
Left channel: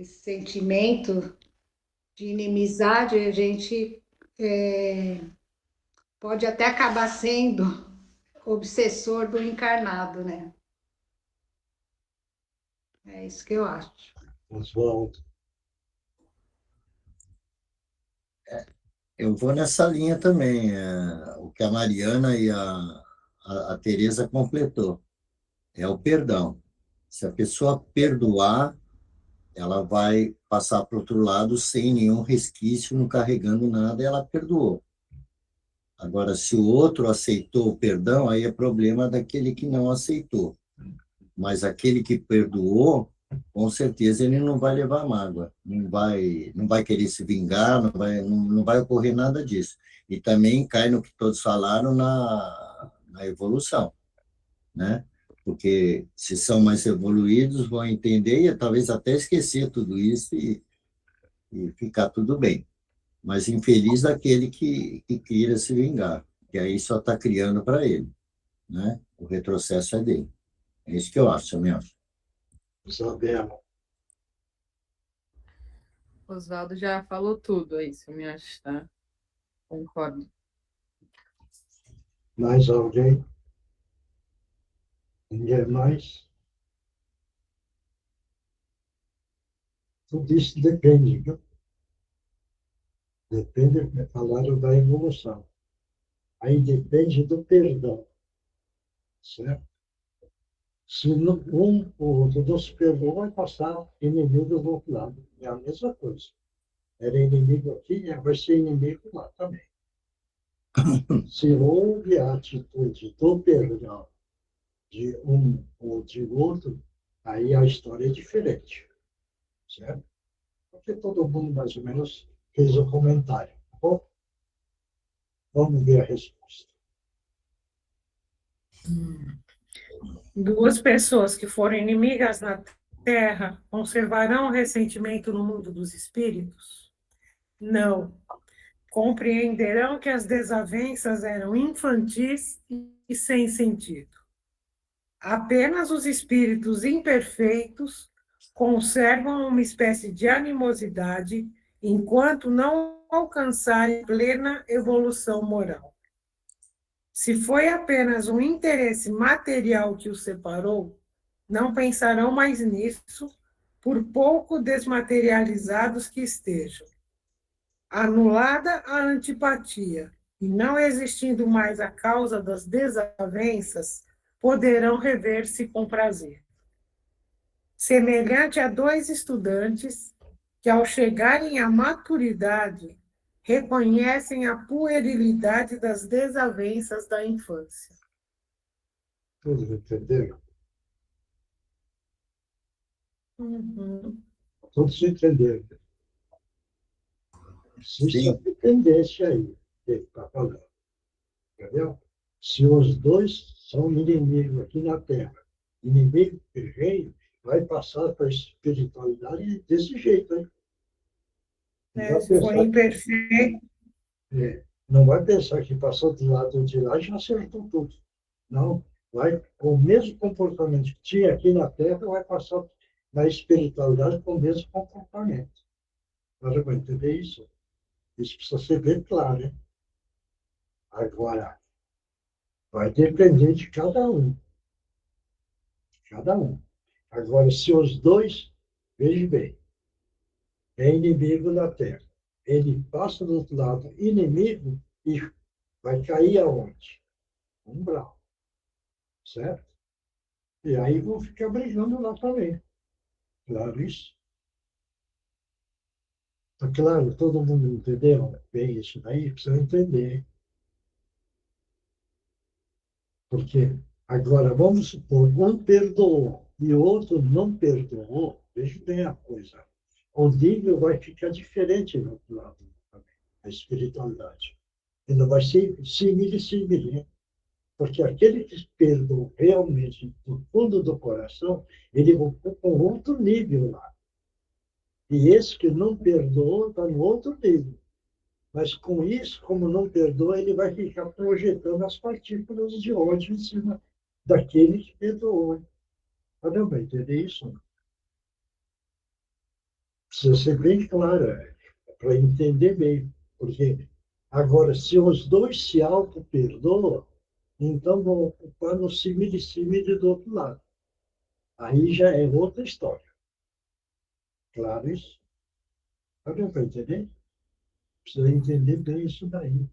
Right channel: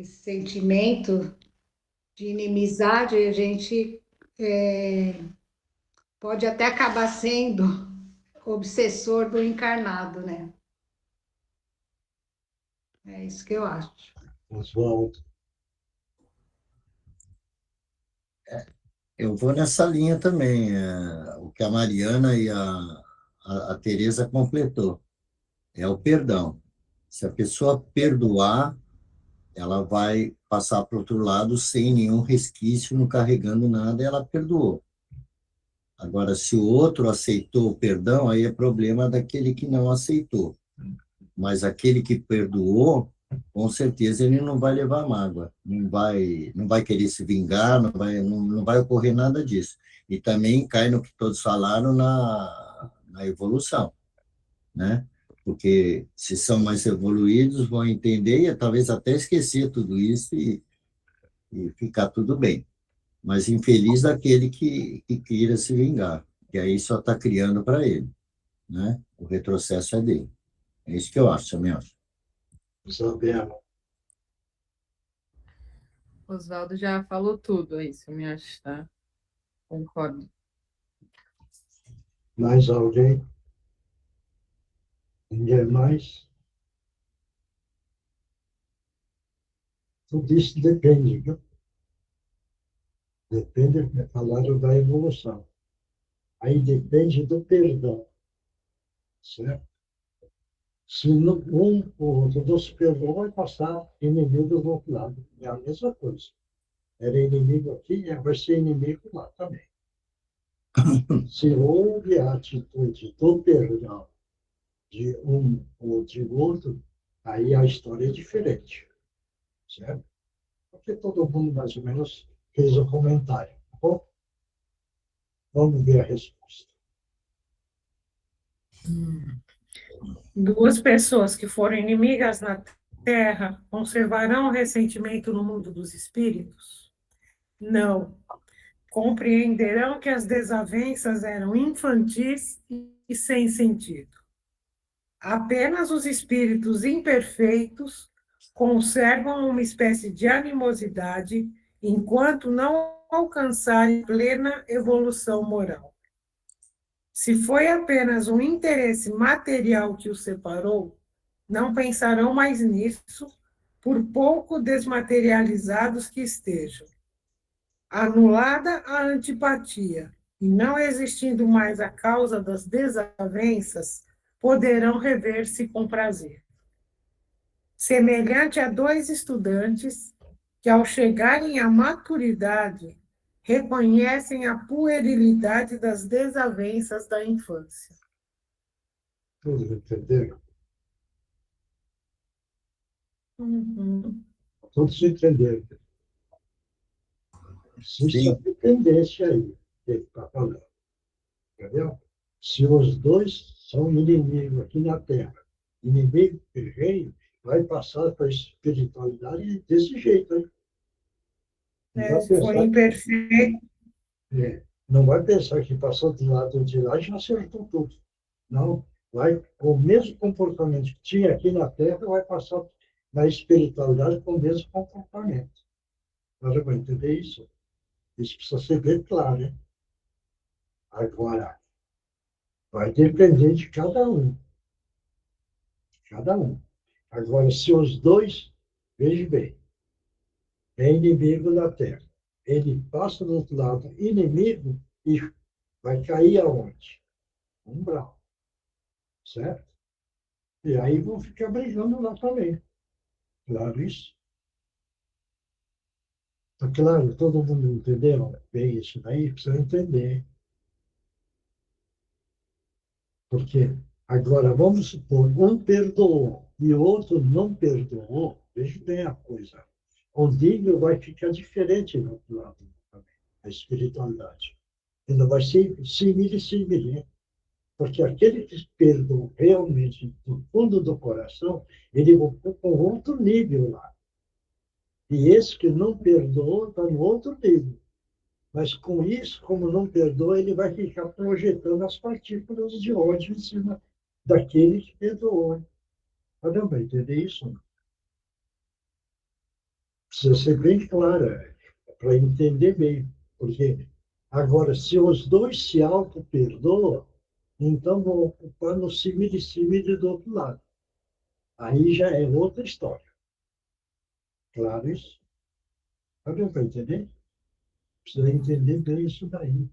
sentimento de inimizade, a gente pode até acabar sendo obsessor do encarnado, né? É isso que eu acho. Oswaldo. Eu vou nessa linha também, o que a Mariana e a Tereza completou, é o perdão. Se a pessoa perdoar, ela vai passar para o outro lado sem nenhum resquício, não carregando nada, e ela perdoou. Agora, se o outro aceitou o perdão, aí é problema daquele que não aceitou. Mas aquele que perdoou, com certeza ele não vai levar mágoa, não vai querer se vingar, não vai ocorrer nada disso. E também cai no que todos falaram na evolução, né? Porque se são mais evoluídos, vão entender e talvez até esquecer tudo isso e ficar tudo bem. Mas infeliz daquele que queira se vingar, que aí só está criando para ele, né? O retrocesso é dele. É isso que eu acho, também acho. Isabela. Oswaldo já falou tudo, é isso, eu me acho, tá? Concordo. Mais alguém? Ninguém mais? Tudo isso depende, viu? Depende, falaram da evolução. Aí depende do perdão, certo? Se um ou outro não se perdoa, vai passar inimigo do outro lado. É a mesma coisa. Era inimigo aqui, vai ser inimigo lá também. Se houve a atitude do perdão de um ou de outro, aí a história é diferente, certo? Porque todo mundo mais ou menos fez o comentário, tá bom? Vamos ver a resposta. Duas pessoas que foram inimigas na Terra conservarão o ressentimento no mundo dos espíritos? Não. Compreenderão que as desavenças eram infantis e sem sentido. Apenas os espíritos imperfeitos conservam uma espécie de animosidade enquanto não alcançarem plena evolução moral. Se foi apenas um interesse material que os separou, não pensarão mais nisso, por pouco desmaterializados que estejam. Anulada a antipatia e não existindo mais a causa das desavenças, poderão rever-se com prazer. Semelhante a dois estudantes que, ao chegarem à maturidade, reconhecem a puerilidade das desavenças da infância. Todos entenderam? Todos entenderam. Existe a dependência aí, que está falando. Entendeu? Se os dois são inimigos aqui na Terra, inimigo terreno, vai passar para a espiritualidade desse jeito, hein? Se for imperfeito. Não vai pensar que passou do lado de lá e já acertou tudo. Não, vai, o mesmo comportamento que tinha aqui na Terra vai passar na espiritualidade com o mesmo comportamento. Agora, vai entender isso? Isso precisa ser bem claro, né? Agora, vai depender de cada um. Cada um. Agora, se os dois, veja bem, é inimigo da Terra, ele passa do outro lado, inimigo, e vai cair aonde? Umbral, certo? E aí vão ficar brigando lá também. Claro isso? Tá claro, todo mundo entendeu bem isso daí? Precisa entender. Porque agora, vamos supor, um perdoou e o outro não perdoou, veja bem a coisa. O nível vai ficar diferente do outro lado também, a espiritualidade. Ele não vai ser simile, porque aquele que perdoou realmente do fundo do coração, ele ocupa um outro nível lá. E esse que não perdoou está no outro nível. Mas com isso, como não perdoa, ele vai ficar projetando as partículas de ódio em cima daquele que perdoou. Não vai entender isso? Precisa ser bem clara, para entender bem. Porque agora, se os dois se auto-perdoam, então vão ocupar no simile do outro lado. Aí já é outra história. Claro isso? Não vai entender? Precisa entender bem isso daí.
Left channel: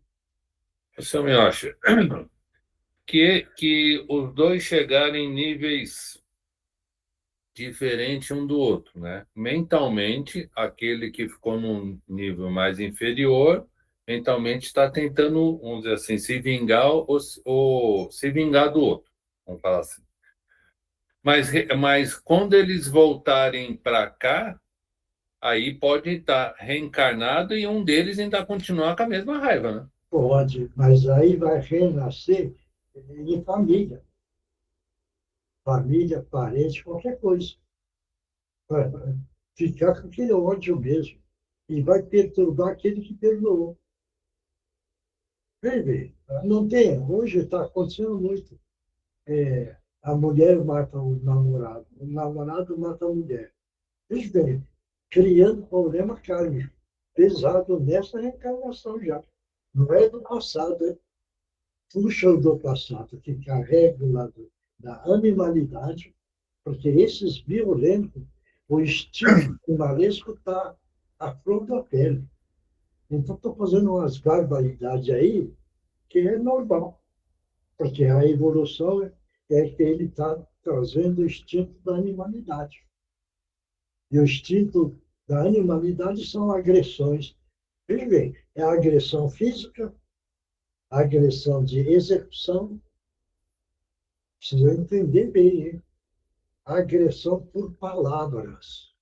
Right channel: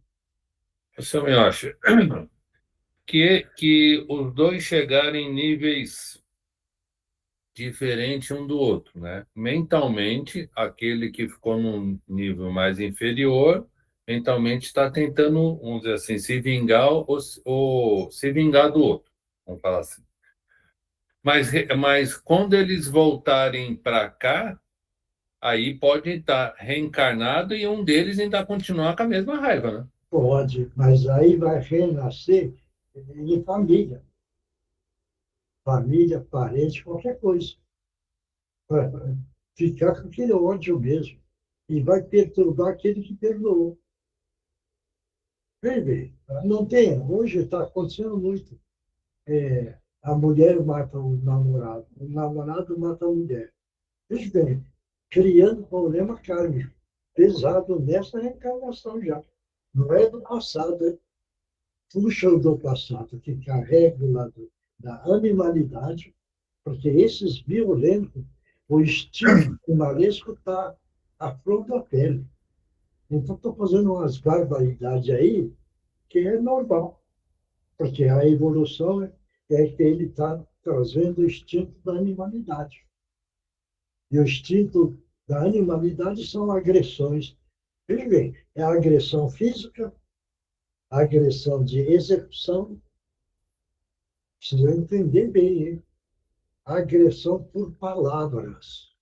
Você me acha que os dois chegarem em níveis diferentes um do outro, né? Mentalmente, aquele que ficou num nível mais inferior, mentalmente está tentando, vamos dizer assim, se vingar ou se vingar do outro, vamos falar assim. Mas quando eles voltarem para cá, aí pode estar reencarnado e um deles ainda continuar com a mesma raiva, né? Pode, mas aí vai renascer em família. Família, parente, qualquer coisa. Vai ficar com aquele ódio mesmo. E vai perturbar aquele que perdoou. Vem ver, não tem. Hoje está acontecendo muito. A mulher mata o namorado mata a mulher. Veja bem, criando problema kármico pesado nessa reencarnação já. Não é do passado, é puxa do passado, que carrega o lado da animalidade, porque esses violentos, o instinto animalesco está à flor da pele. Então, estou fazendo umas barbaridades aí que é normal, porque a evolução é que ele está trazendo o instinto da animalidade. E o instinto da animalidade são agressões. Veja bem, é a agressão física, a agressão de execução. Precisa entender bem, hein? A agressão por palavras.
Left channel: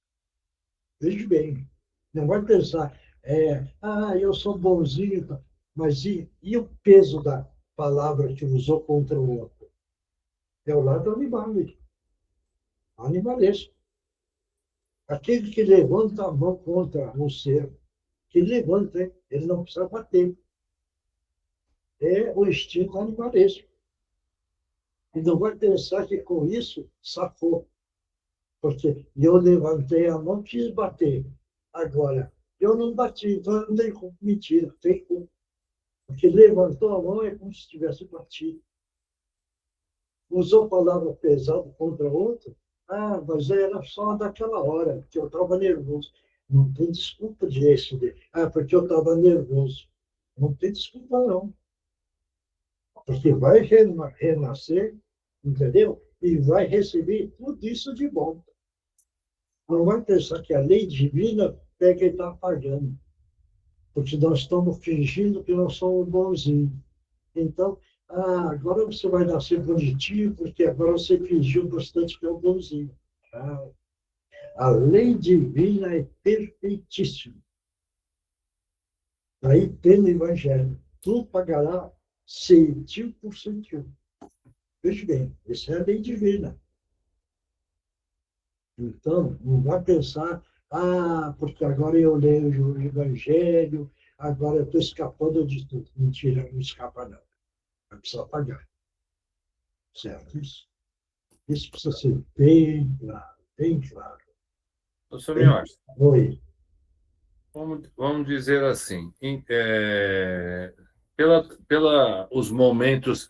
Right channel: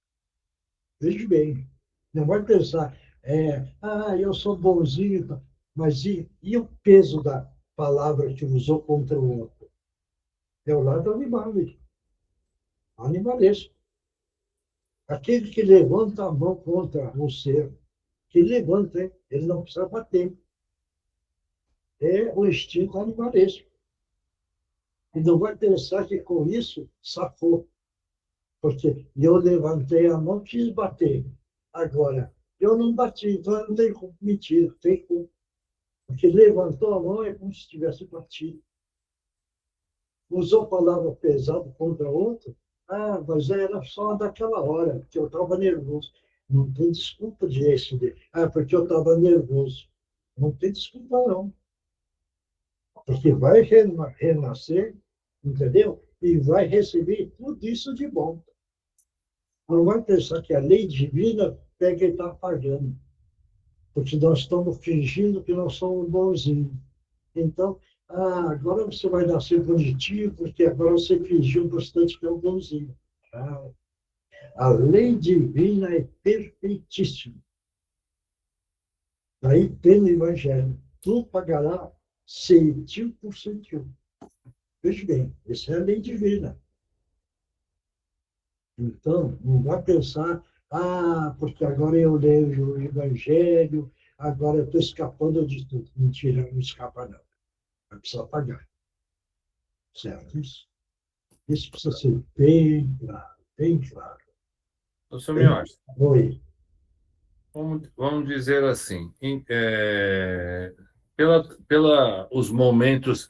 Veja bem, não vai pensar, eu sou bonzinho, mas e o peso da palavra que usou contra o outro? É o lado animalesco. Aquele que levanta a mão contra o ser, que levanta, hein? Ele não precisa bater. É o instinto animalesco. E não vai pensar que com isso safou. Porque eu levantei a mão e quis bater. Agora, eu não bati, então eu não tenho culpa. Mentira, tem culpa. Porque levantou a mão é como se tivesse batido. Usou palavra pesada contra outro, mas era só daquela hora, porque eu estava nervoso. Não tem desculpa de esse. Porque eu estava nervoso. Não tem desculpa, não. Porque vai renascer, entendeu? E vai receber tudo isso de bom. Não vai pensar que a lei divina pega e está apagando. Porque nós estamos fingindo que nós somos bonzinhos. Então, agora você vai nascer bonitinho, porque agora você fingiu bastante que é um bonzinho. A lei divina é perfeitíssima. Daí tem no Evangelho, tu pagará 100%. Veja bem, essa é a lei divina. Então, não vai pensar, porque agora eu leio o Evangelho, agora eu estou escapando de tudo. Mentira, não escapa não. Vai precisar pagar. Certo? Isso precisa ser bem claro, bem claro. Professor Miotti, Oi. vamos dizer assim, os momentos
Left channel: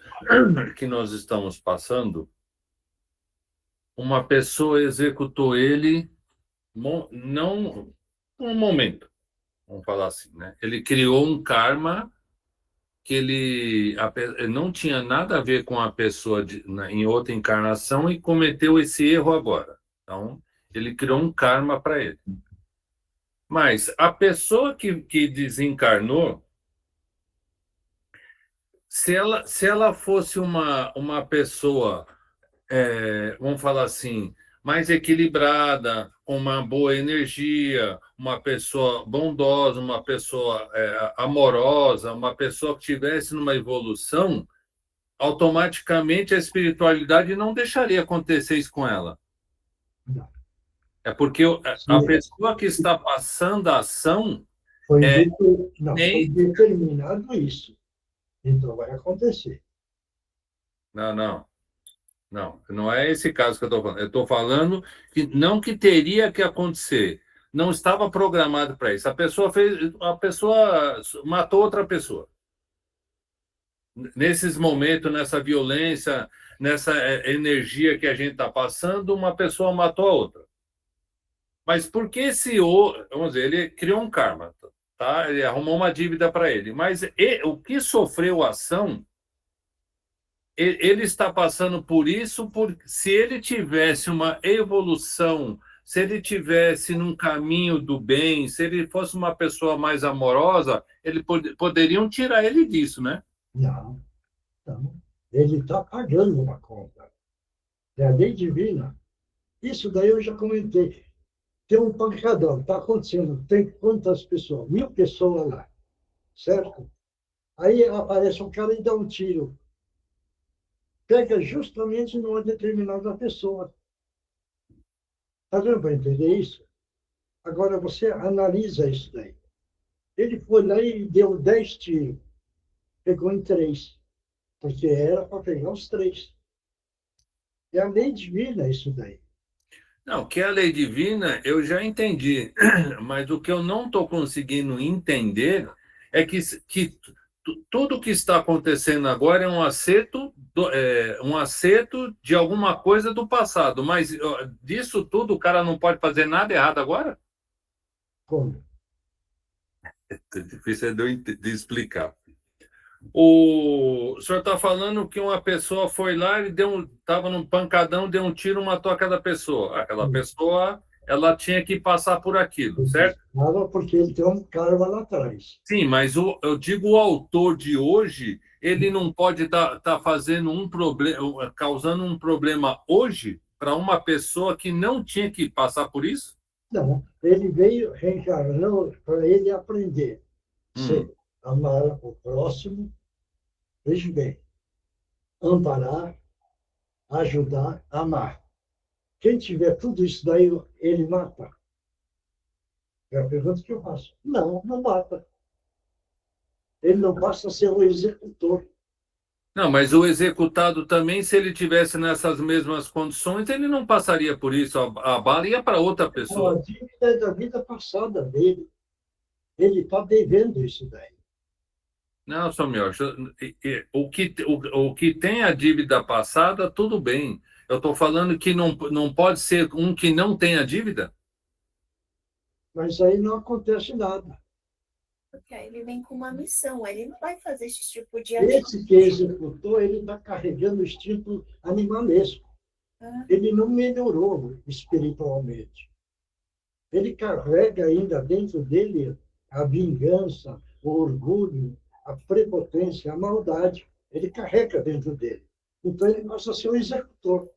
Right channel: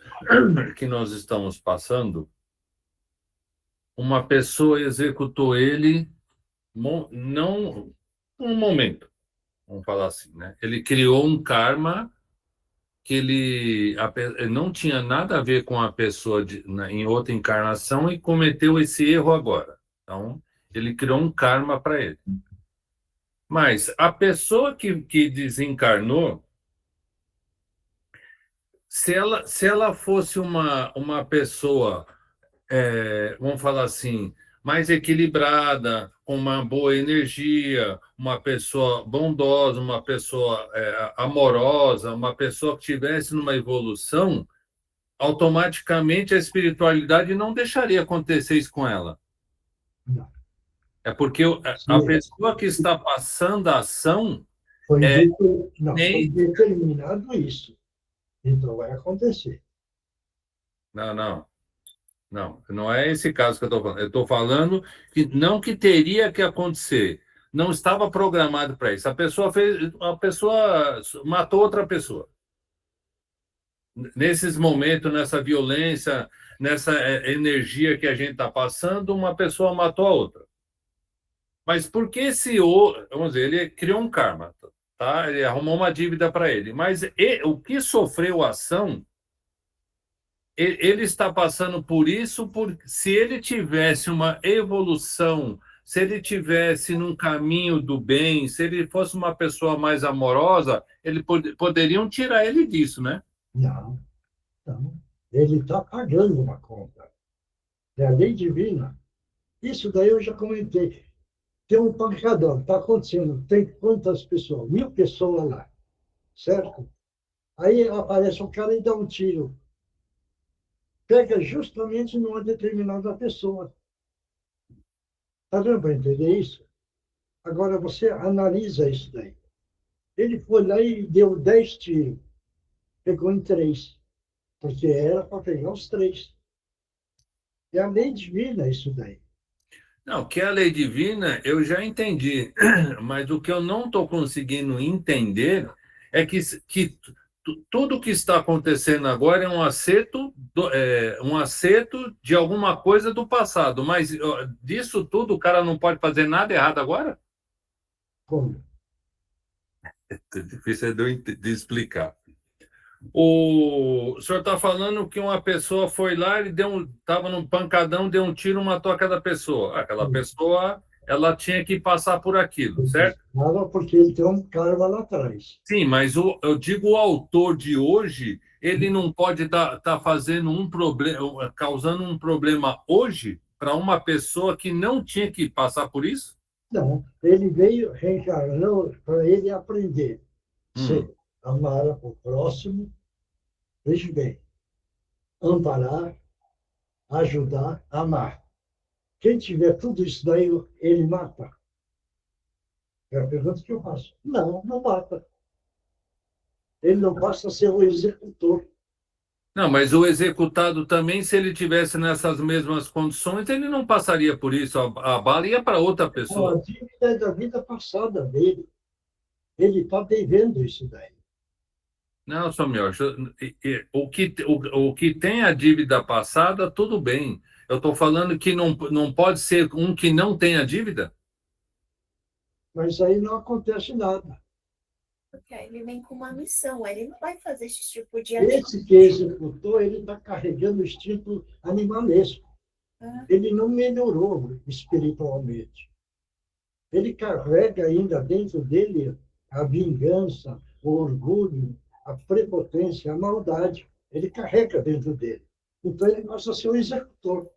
que nós estamos passando, uma pessoa executou ele, não um momento, vamos falar assim, né? Ele criou um karma que ele não tinha nada a ver com a pessoa em outra encarnação e cometeu esse erro agora. Então, ele criou um karma para ele. Mas a pessoa que desencarnou, se ela fosse uma pessoa, vamos falar assim, mais equilibrada, com uma boa energia, uma pessoa bondosa, uma pessoa amorosa, uma pessoa que estivesse numa evolução, automaticamente a espiritualidade não deixaria acontecer isso com ela. Não. É porque a pessoa que está passando a ação foi determinado isso. Então vai acontecer. Não é esse caso que eu estou falando. Eu estou falando que não que teria que acontecer. Não estava programado para isso. A pessoa matou outra pessoa. Nesses momentos, nessa violência, nessa energia que a gente está passando, uma pessoa matou a outra. Mas por que vamos dizer, ele criou um karma, tá? Ele arrumou uma dívida para ele. Mas o que sofreu a ação, ele está passando por isso, se ele tivesse uma evolução, se ele tivesse num caminho do bem, se ele fosse uma pessoa mais amorosa, poderiam tirar ele disso, né? Não. Ele está pagando uma conta. É a lei divina. Isso daí eu já comentei. Tem um pancadão, está acontecendo. Tem quantas pessoas? 1000 pessoas lá. Certo? Aí aparece um cara e dá um tiro. Pega justamente numa determinada pessoa. Está dando para entender isso? Agora você analisa isso daí. Ele foi lá e deu 10 tiros. Pegou em 3. Porque era para pegar os 3. É a lei divina isso daí. Não, que a lei divina eu já entendi. Mas o que eu não estou conseguindo entender é que tudo que está acontecendo agora é um acerto de alguma coisa do passado. Mas disso tudo o cara não pode fazer nada errado agora? Como? É difícil de explicar. O senhor está falando que uma pessoa foi lá e estava num pancadão, deu um tiro, matou aquela pessoa. Aquela pessoa, ela tinha que passar por aquilo, certo? Nada porque ele tem um karma lá atrás. Sim, mas eu digo o autor de hoje, ele não pode estar fazendo um problema, causando um problema hoje para uma pessoa que não tinha que passar por isso? Não, ele veio reencarnando para ele aprender. Amar o próximo, veja bem, amparar, ajudar, amar. Quem tiver tudo isso daí, ele mata? É a pergunta que eu faço. Não mata. Ele não passa a ser o executor. Não, mas o executado também, se ele tivesse nessas mesmas condições, ele não passaria por isso. A bala ia para outra pessoa. A dívida é da vida passada dele. Ele está devendo isso daí. Não, senhor Miocha, o que tem a dívida passada, tudo bem. Eu estou falando que não pode ser um que não tem a dívida? Mas aí não acontece nada. Porque aí ele vem com uma missão, ele não vai fazer esse tipo de Esse que executou, ele está carregando o instinto animalesco. Ele não melhorou espiritualmente. Ele carrega ainda dentro dele a vingança, o orgulho, a prepotência, a maldade. Ele carrega dentro dele. Então, ele passa a ser o executor.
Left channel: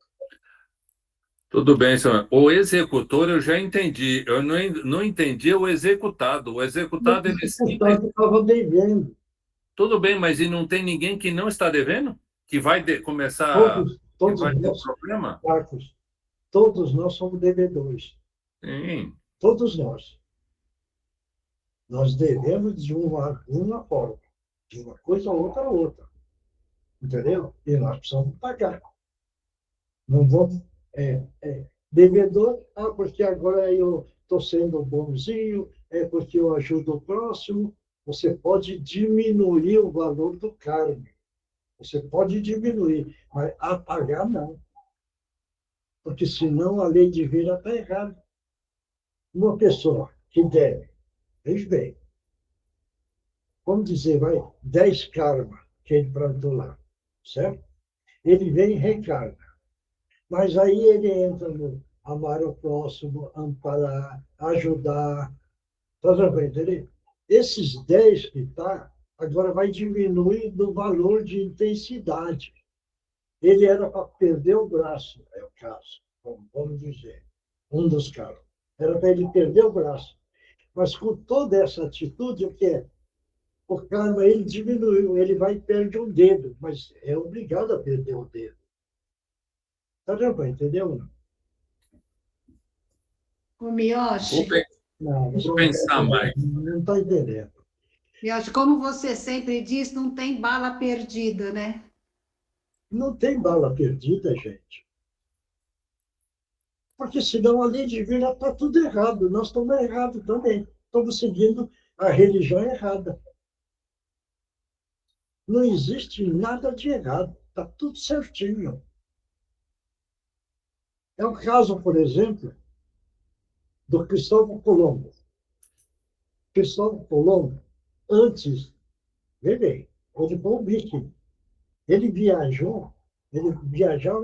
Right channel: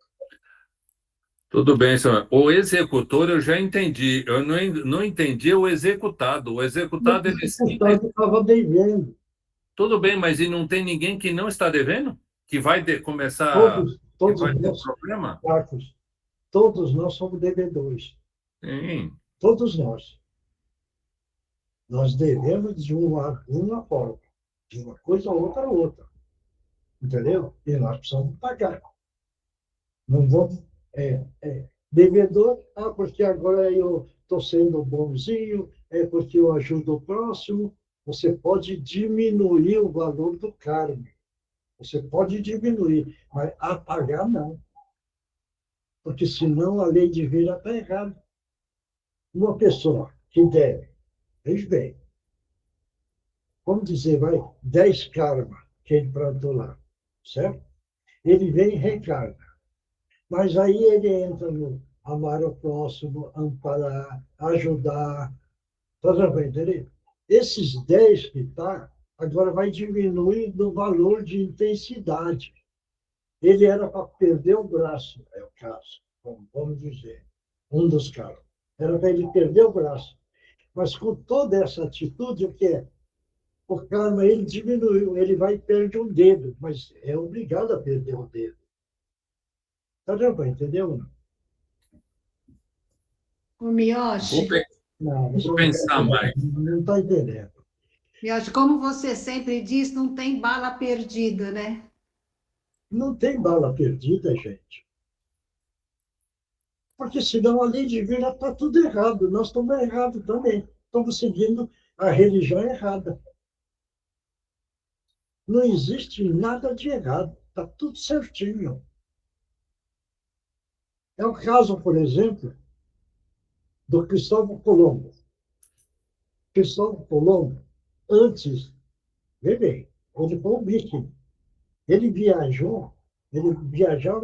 Tudo bem, senhor. O executor eu já entendi. Eu não entendi o executado. O executado, ele sempre estava devendo. Tudo bem, mas e não tem ninguém que não está devendo? Que vai começar todos vai ter nós, problema? Marcos, todos nós somos devedores. Sim. Todos nós. Nós devemos de uma forma. De uma coisa a outra. Entendeu? E nós precisamos pagar. Não vamos... devedor, porque agora eu estou sendo bonzinho, porque eu ajudo o próximo. Você pode diminuir o valor do karma. Você pode diminuir, mas apagar não. Porque senão a lei divina está errada. Uma pessoa que deve, veja bem, vamos dizer, vai, 10 karma que ele plantou lá, certo? Ele vem e recarga. Mas aí ele entra no amar o próximo, amparar, ajudar. Tá entendendo? Esses 10 que está, agora vai diminuir do valor de intensidade. Ele era para perder o braço, é o caso, vamos dizer, um dos caras. Era para ele perder o braço. Mas com toda essa atitude, o que é? O karma, ele diminuiu, ele vai e perde um dedo, mas é obrigado a perder o dedo. Tá vendo? Entendeu? O Miyoshi. Não, Vou pensar mais. Não está entendendo. Miyoshi, como você sempre diz, não tem bala perdida, né? Não tem bala perdida, gente. Porque senão a lei divina está tudo errado. Nós estamos errados também. Estamos seguindo a religião errada. Não existe nada de errado. Está tudo certinho. É o caso, por exemplo, do Cristóvão Colombo. Cristóvão Colombo, antes, vê bem, ele foi um viking. Ele viajava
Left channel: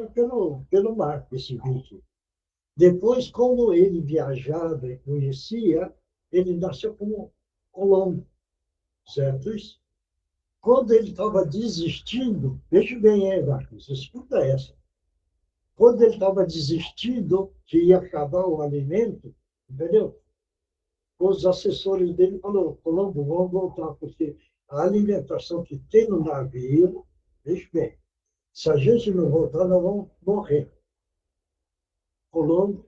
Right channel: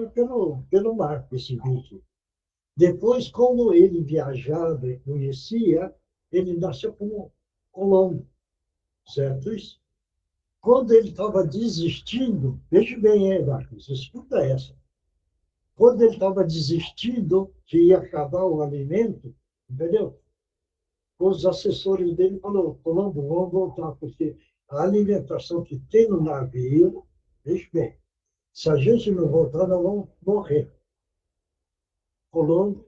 pelo mar, esse viking. Depois, como ele viajava e conhecia, ele nasceu como Colombo, certo isso? Quando ele estava desistindo, veja bem, Marcos, escuta essa. Quando ele estava desistindo, que ia acabar o alimento, entendeu? Os assessores dele falaram, Colombo, vamos voltar, porque a alimentação que tem no navio, veja bem, se a gente não voltar, nós vamos morrer. Colombo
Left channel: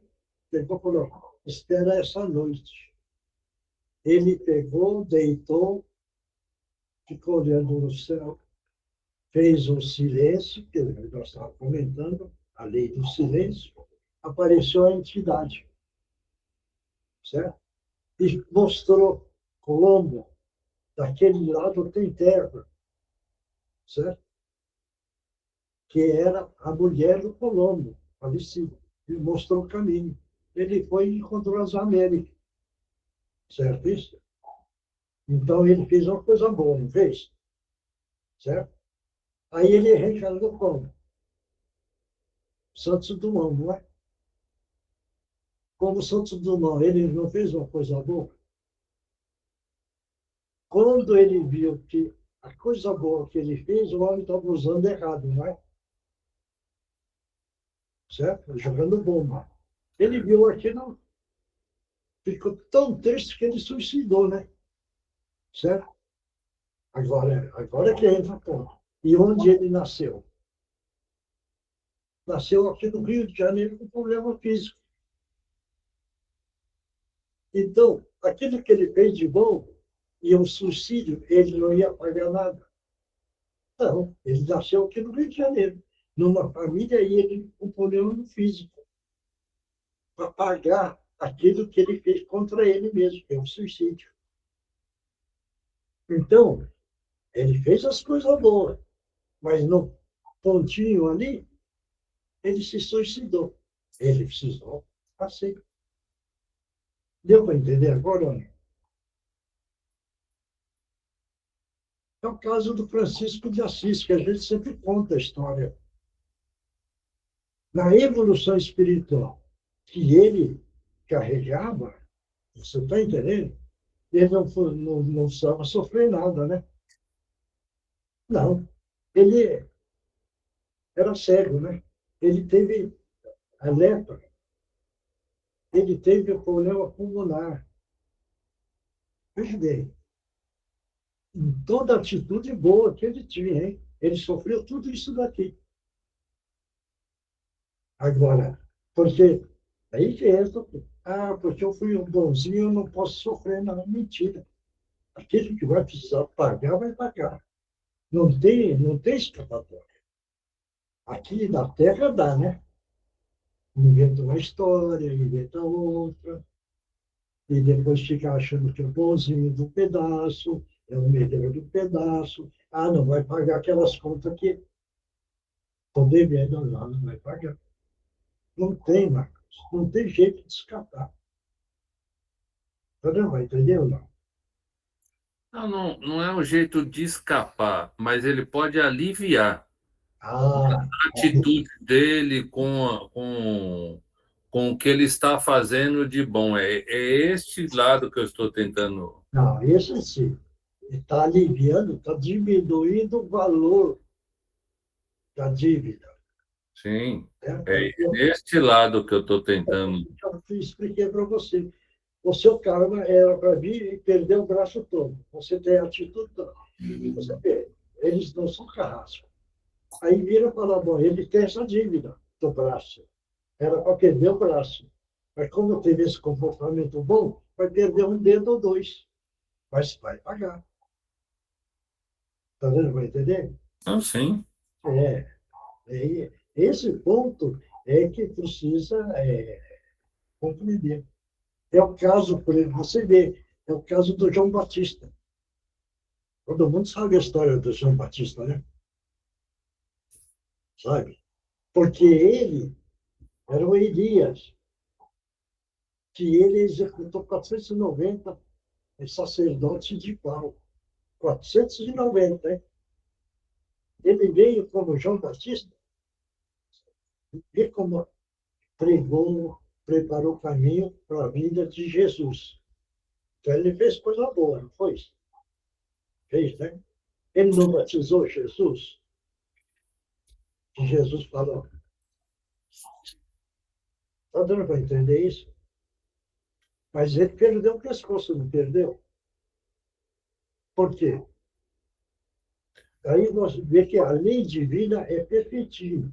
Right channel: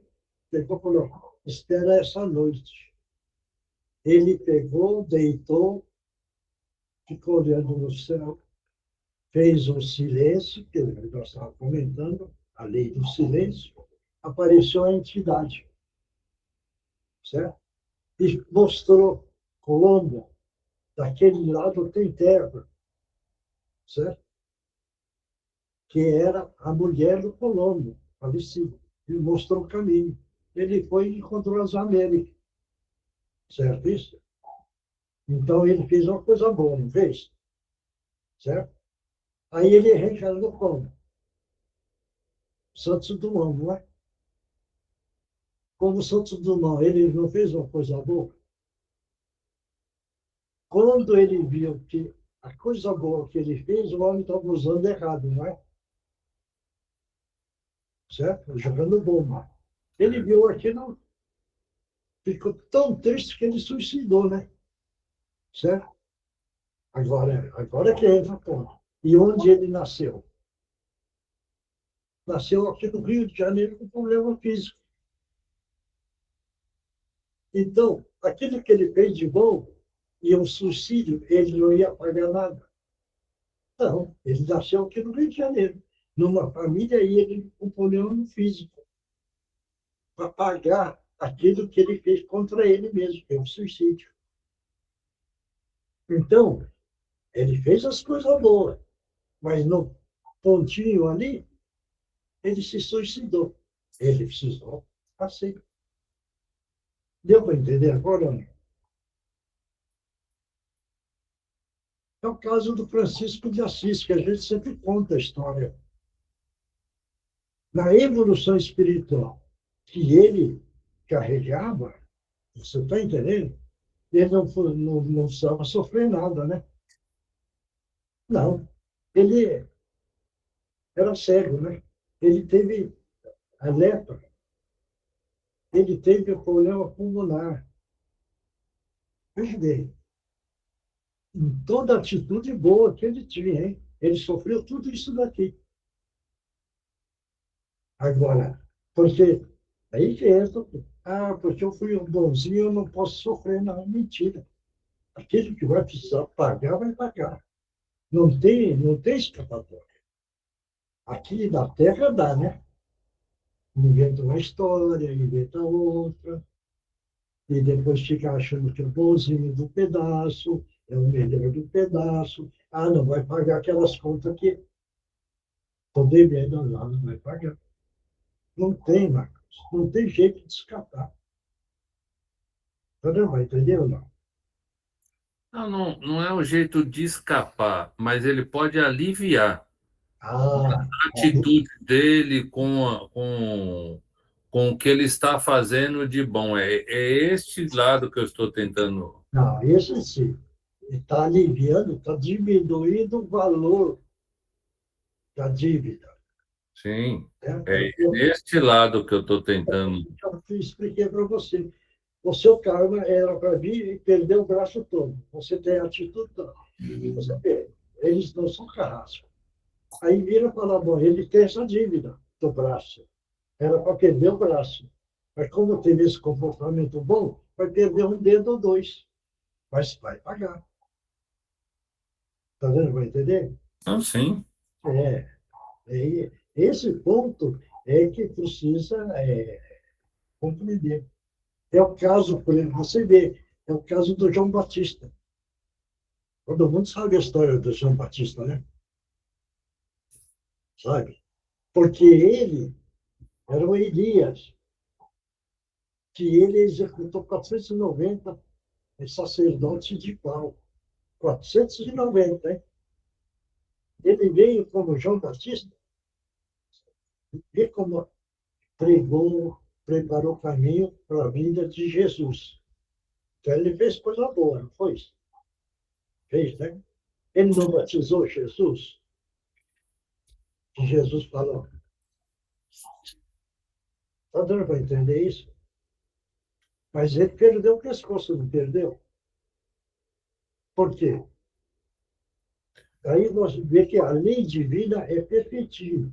pegou e falou, espera essa noite. Ele pegou, deitou, ficou olhando no céu, fez um silêncio, que nós estávamos comentando, a lei do silêncio, apareceu a entidade, certo? E mostrou Colombo, daquele lado tem terra, certo? Que era a mulher do Colombo, falecida, e mostrou o caminho. Ele foi e encontrou as Américas, certo isso? Então ele fez uma coisa boa, não fez? Certo? Aí ele reencarnou como? Santos Dumont, não é? Como Santos Dumont, ele não fez uma coisa boa? Quando ele viu que a coisa boa que ele fez, o homem estava usando errado, não é? Certo? Jogando bomba. Ele viu aquilo, ficou tão triste que ele suicidou, né? Certo? Agora que entra a ponto. E onde ele nasceu? Nasceu aqui no Rio de Janeiro com problema físico. Então, aquilo que ele fez de bom, e um suicídio, ele não ia pagar nada. Não, ele nasceu aqui no Rio de Janeiro, numa família, e ele com problema físico, para pagar aquilo que ele fez contra ele mesmo, que é um suicídio. Então, ele fez as coisas boas, mas no pontinho ali, ele se suicidou. Ele precisou, assim. Deu para entender agora, não? É o caso do Francisco de Assis, que a gente sempre conta a história. Na evolução espiritual que ele carregava, você está entendendo? Ele não precisava sofrer nada, né? Não. Ele era cego, né? Ele teve a lepra. Ele teve o problema pulmonar. Veja bem, em toda a atitude boa que ele tinha, hein? Ele sofreu tudo isso daqui. Agora, porque aí que entra, porque eu fui um bonzinho, eu não posso sofrer, não. Mentira. Aquele que vai precisar pagar, vai pagar. Não tem escapatória. Aqui na Terra dá, né? Inventa uma história, inventa outra, e depois fica achando que é o bonzinho do pedaço, é o melhor do pedaço. Não vai pagar aquelas contas que estou devendo, não vai pagar. Não tem, Marcos. Não tem jeito de escapar. Você vai entender ou não? Não é um jeito de escapar, mas ele pode aliviar Ah, a atitude dele com o que ele está fazendo de bom. É este lado que eu estou tentando. não, esse sim. Está aliviando, está diminuindo o valor da dívida. Sim, Né? é este lado que eu estou tentando. Eu expliquei para você. O seu karma era para vir e perder o braço todo. Você tem a atitude toda. Você vê, eles não são carrascos. Aí vira e fala, bom, ele tem essa dívida do braço. Era para perder o braço. Mas como teve esse comportamento bom, vai perder um dedo ou dois. Mas vai pagar. Está vendo? Vai entender? Não, sim. Esse ponto é que precisa compreender. É o caso, por exemplo, você vê, é o caso do João Batista. Todo mundo sabe a história do João Batista, né? Sabe? Porque ele era o Elias, que ele executou 490 sacerdotes de pau. 490, hein? Ele veio como João Batista, vê como pregou, preparou o caminho para a vida de Jesus. Então, ele fez coisa boa, não foi isso? Fez, né? Ele não batizou Jesus? Que Jesus falou. Está dando para entender isso? Mas ele perdeu o pescoço, não perdeu? Por quê? Aí nós vemos que a lei divina é perfeitinha.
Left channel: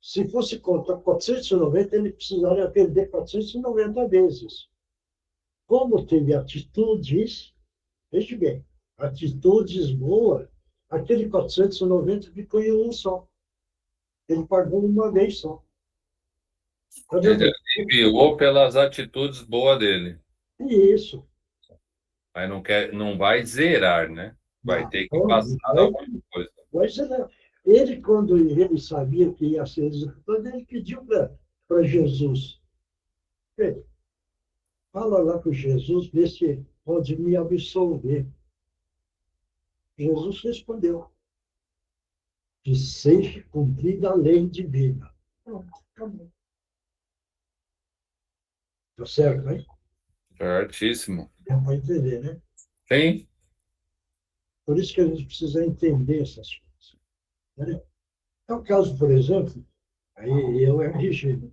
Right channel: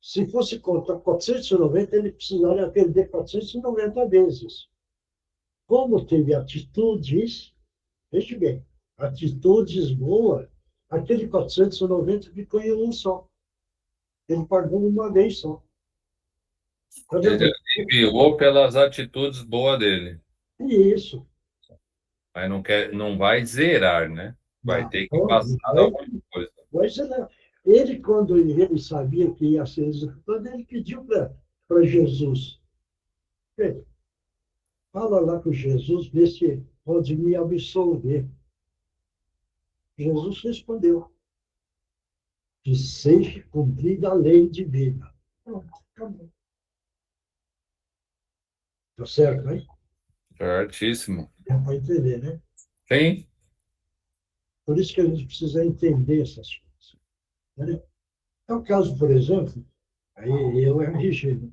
Se fosse contar 490, ele precisaria perder 490 vezes. Como teve atitudes, veja bem, atitudes boas, aquele 490 ficou em um só. Ele pagou uma vez só. Tá Ele aliviou pelas atitudes boas dele. Isso. Mas não vai zerar, né? Vai ter que passar alguma coisa. Mas ele, quando ele sabia que ia ser executado, ele pediu para Jesus. Fala lá com Jesus, vê se pode me absolver. Jesus respondeu: que seja cumprida a lei divina. Pronto, acabou. Tá certo, hein? Certíssimo. É para entender, né? Sim. Por isso que a gente precisa entender essas coisas. Né? É o caso, por exemplo, aí eu e a Regina,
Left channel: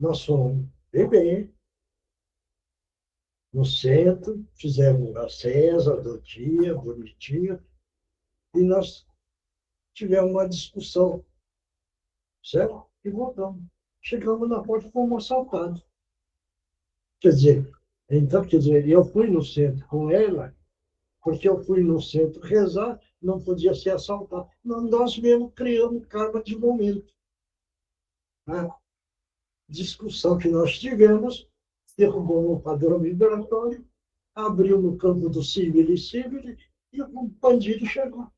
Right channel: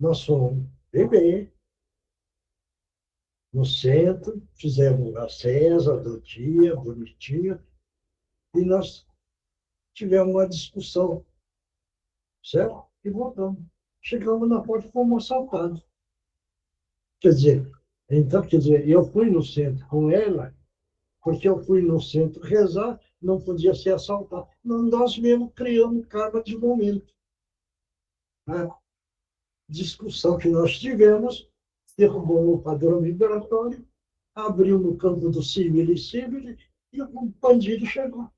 nós fomos beber no centro, fizemos a César do dia, bonitinho, e nós tivemos uma discussão, certo? E voltamos. Chegamos na porta e fomos assaltados. Quer dizer, eu fui no centro com ela, porque eu fui no centro rezar, não podia ser assaltado. Nós mesmos criamos karma de momento. A discussão que nós tivemos, derrubou o padrão vibratório, abriu no campo do civil e o bandido chegou.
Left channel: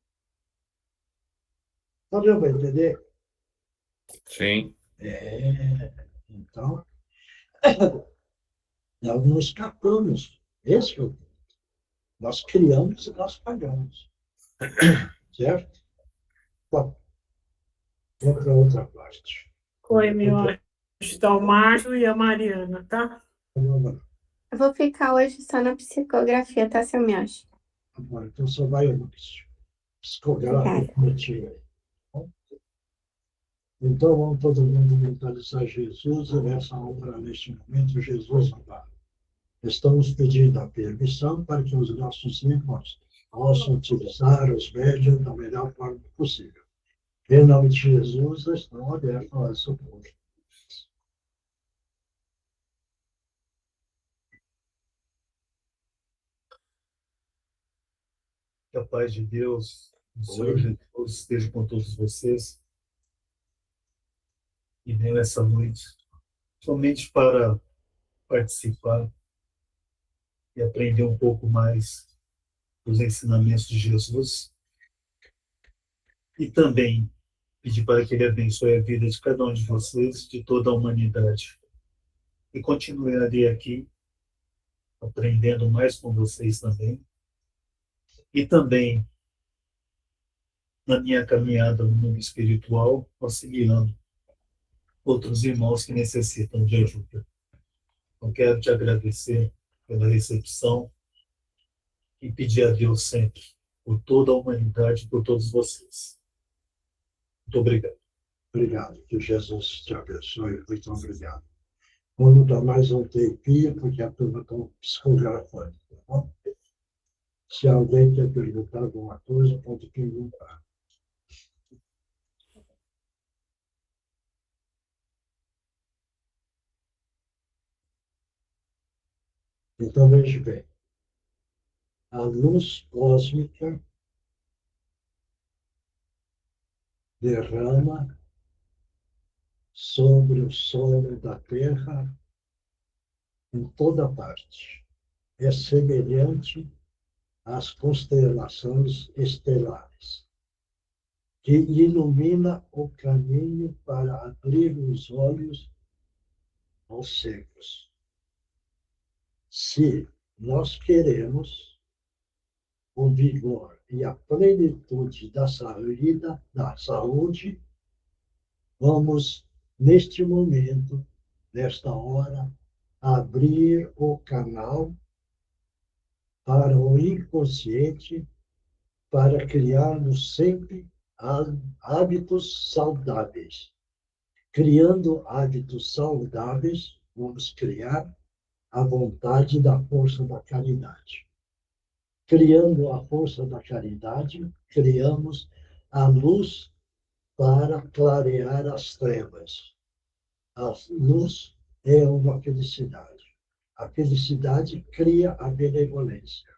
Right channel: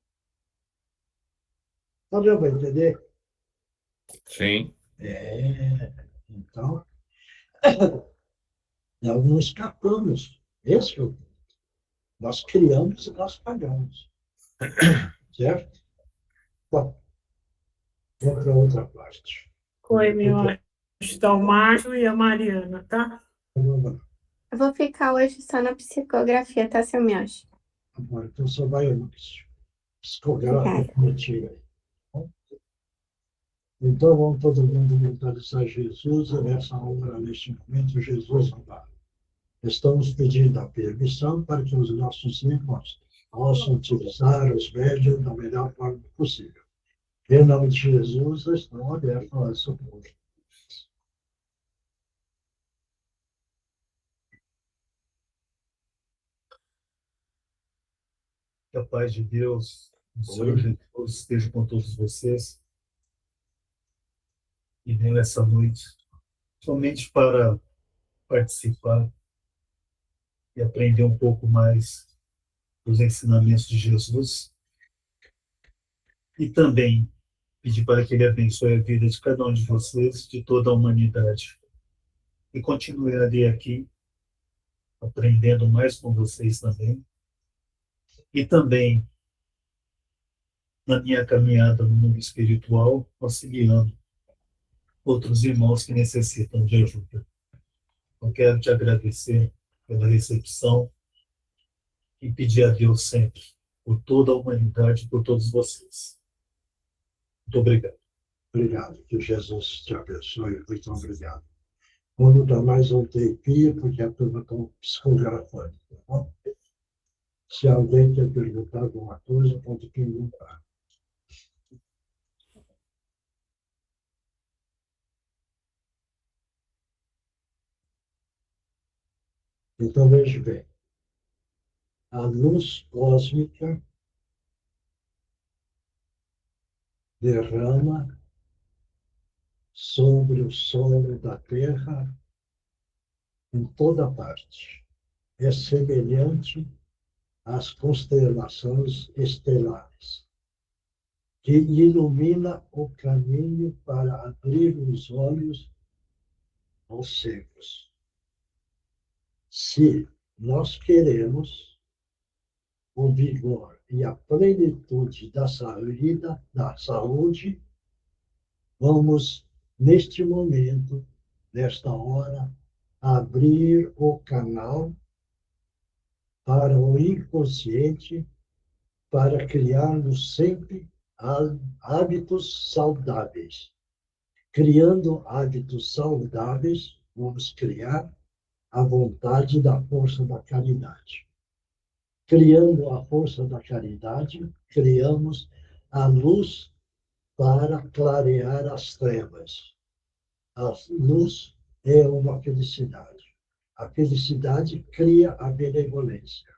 Tá dando para entender? Sim. Então, nós não escapamos. Esse é o ponto. Nós criamos e nós pagamos. Certo? Bom, vamos para outra parte. Oi, meu anjo. Está o Márcio e a Mariana, tá? Eu vou ficar hoje só na psicografia, tá, seu Mioshi? Agora, então só vai uma psicografia coletiva. Então, vamos todo mundo mentalizar Jesus, e nessa hora, neste momento, Jesus ampara. Estamos pedindo a permissão para que os nossos irmãos possam utilizar os médios da melhor forma possível. Em nome de Jesus, estão abertos a socorro. Que a paz de Deus, o Senhor Jesus, esteja com todos vocês. E venho essa noite somente para participar e aprender um pouco mais dos ensinamentos de Jesus. E também Pedir para que Ele abençoe a vida de cada um de vocês, de toda a humanidade. E continuarei aqui, aprendendo mais com vocês também. E também, na minha caminhada no mundo espiritual, auxiliando outros irmãos que necessitam de ajuda. Eu quero te agradecer pela recepção e pedir a Deus sempre, por toda a humanidade, por todos vocês. Muito obrigado. Obrigado. Que Jesus te abençoe. Muito obrigado. Vamos dar mais um tempinho, porque a turma está psicografando. Tá bom? Se alguém quer perguntar alguma coisa, pode perguntar. Então, veja bem. A luz cósmica derrama sobre o solo da Terra em toda parte. É semelhante às constelações estelares, que ilumina o caminho para abrir os olhos aos cegos. Se nós queremos o vigor e a plenitude da saúde, vamos, neste momento, nesta hora, abrir o canal para o inconsciente, para criarmos sempre hábitos saudáveis. Criando hábitos saudáveis, vamos criar a vontade da força da caridade. Criando a força da caridade, criamos a luz para clarear as trevas. A luz é uma felicidade. A felicidade cria a benevolência.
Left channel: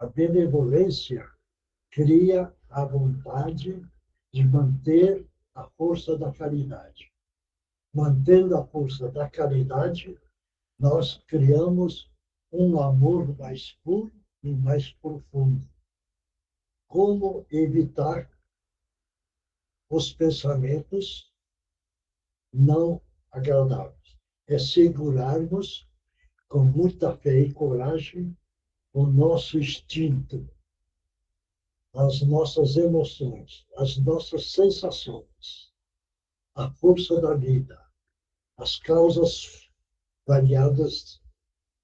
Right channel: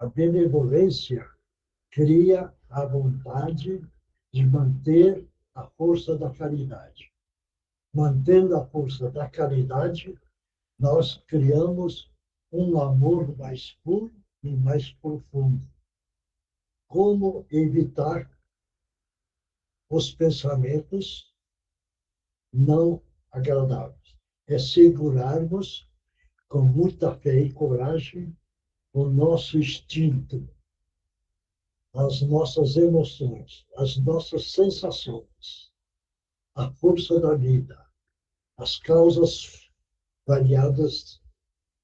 A benevolência cria a vontade de manter a força da caridade. Mantendo a força da caridade, nós criamos um amor mais puro e mais profundo. Como evitar os pensamentos não agradáveis? É segurarmos com muita fé e coragem o nosso instinto, as nossas emoções, as nossas sensações, a força da vida, as causas variadas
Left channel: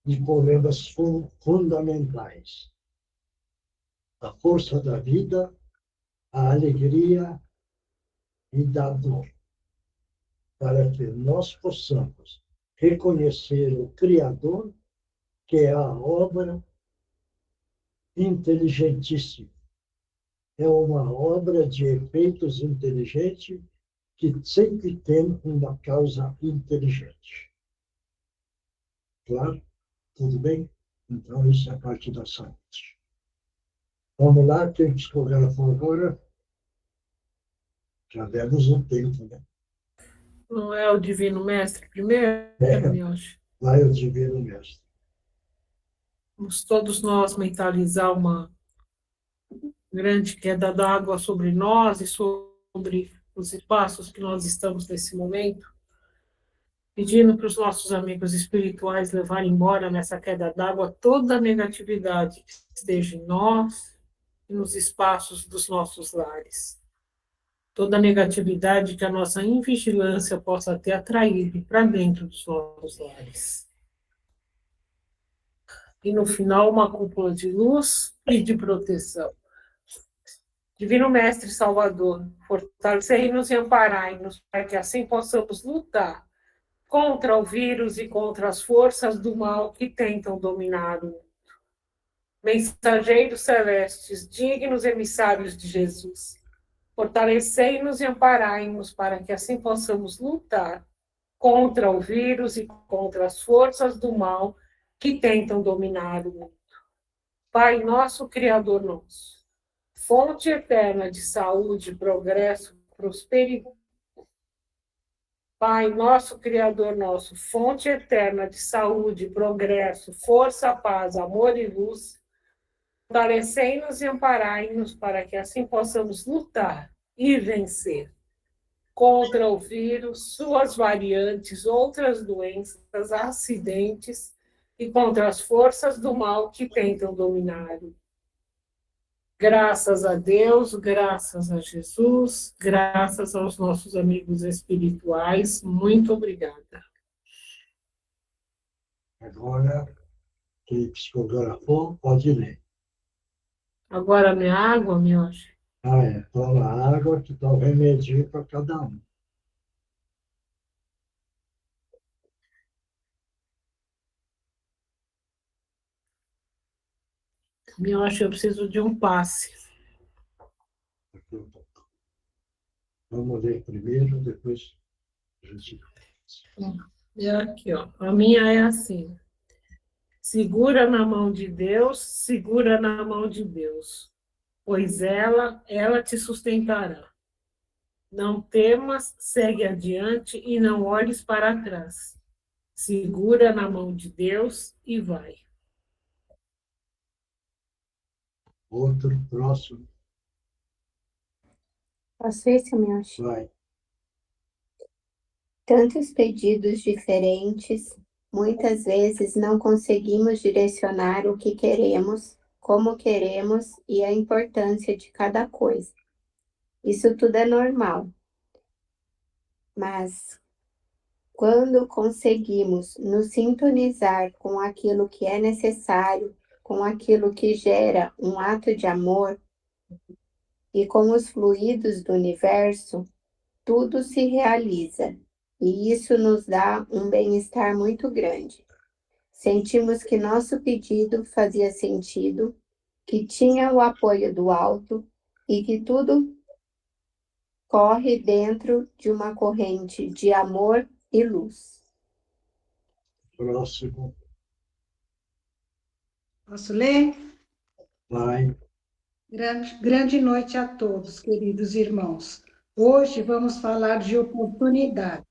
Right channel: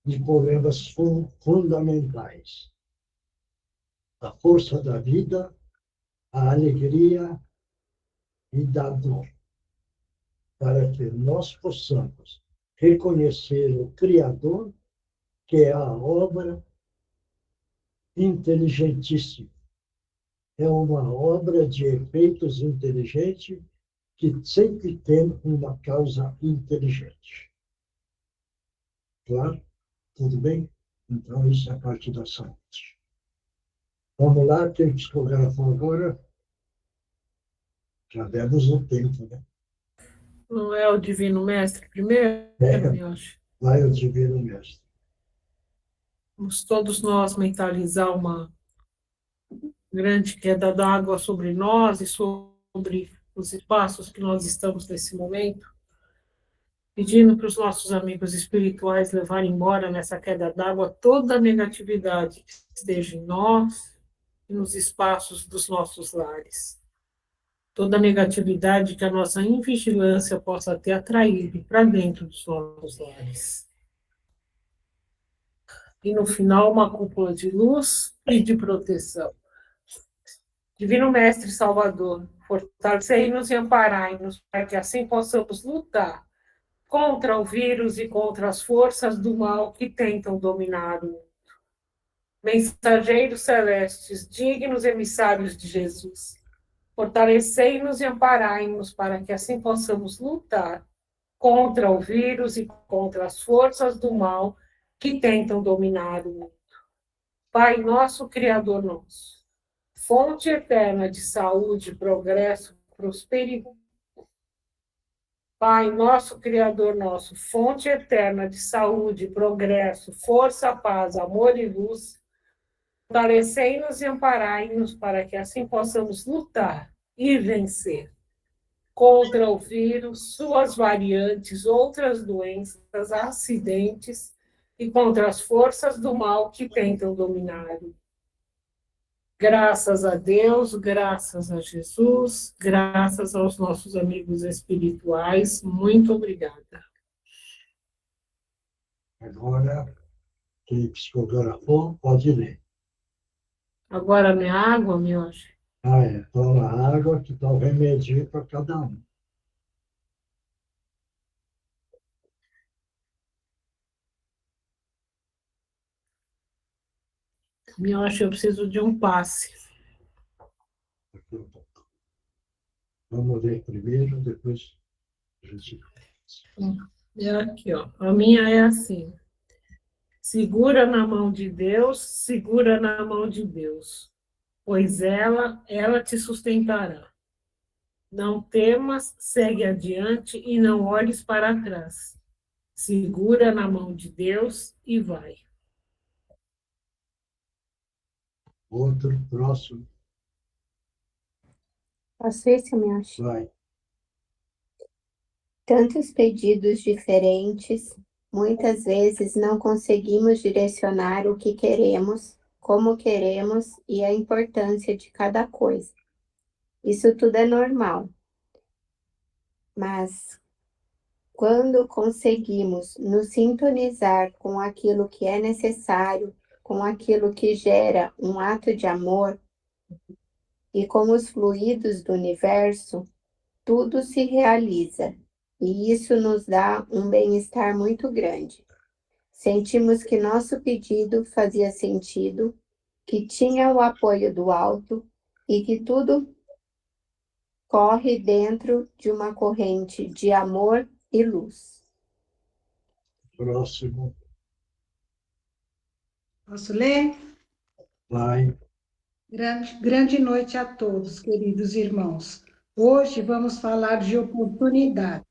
de problemas fundamentais. A força da vida, a alegria e da dor, para que nós possamos reconhecer o Criador, que é a obra inteligentíssima. É uma obra de efeitos inteligentes que sempre tem uma causa inteligente. Claro? Tudo bem? Então, isso é a parte da saúde. Vamos lá, quem psicografou agora? Já demos um tempo, né? Não é o Divino Mestre primeiro, Mioshi? Vai o Divino Mestre. Vamos todos nós mentalizar uma grande queda d'água sobre nós e sobre os espaços que nós estamos nesse momento, pedindo para os nossos amigos espirituais levarem embora nessa queda d'água toda a negatividade que esteja em nós e nos espaços dos nossos lares. Toda a negatividade que a nossa invigilância possa ter atraído para dentro dos nossos lares. E no final, uma cúpula de luz e de proteção. Divino Mestre Salvador, fortalecei-nos e amparai-nos para que assim possamos lutar contra o vírus e contra as forças do mal que tentam dominar o mundo. Mensageiros celestes, dignos emissários de Jesus, fortalecei-nos e amparai-nos para que assim possamos lutar contra o vírus e contra as forças do mal que tentam dominar o mundo. Pai nosso, Criador nosso, fonte eterna de saúde, progresso, prosperidade. Pai nosso, Criador nosso, fonte eterna de saúde, progresso, força, paz, amor e luz, fortalecei-nos e amparai-nos para que assim possamos lutar e vencer contra o vírus, suas variantes, outras doenças, acidentes e contra as forças do mal que tentam dominá-lo. Graças a Deus, graças a Jesus, graças aos nossos amigos espirituais, muito obrigada. Agora, quem psicografou, pode ler. Agora minha água, Mioche. Toma água que dá o remedinho para cada um. Mioche, eu preciso de um passe. Vamos ler primeiro, depois a gente... E aqui, ó. A minha é assim. Segura na mão de Deus, segura na mão de Deus, pois ela te sustentará. Não temas, segue adiante e não olhes para trás. Segura na mão de Deus e vai. Outro, próximo. Posso ir, seu Mioshi? Vai. Tantos pedidos diferentes, muitas vezes não conseguimos direcionar o que queremos, como queremos e a importância de cada coisa. Isso tudo é normal. Mas quando conseguimos nos sintonizar com aquilo que é necessário, com aquilo que gera um ato de amor e com os fluidos do universo, tudo se realiza. E isso nos dá um bem-estar muito grande. Sentimos que nosso pedido fazia sentido, que tinha o apoio do alto e que tudo corre dentro de uma corrente de amor e luz. Próximo. Posso ler? Vai. Grande noite a todos, queridos irmãos. Hoje vamos falar de oportunidade.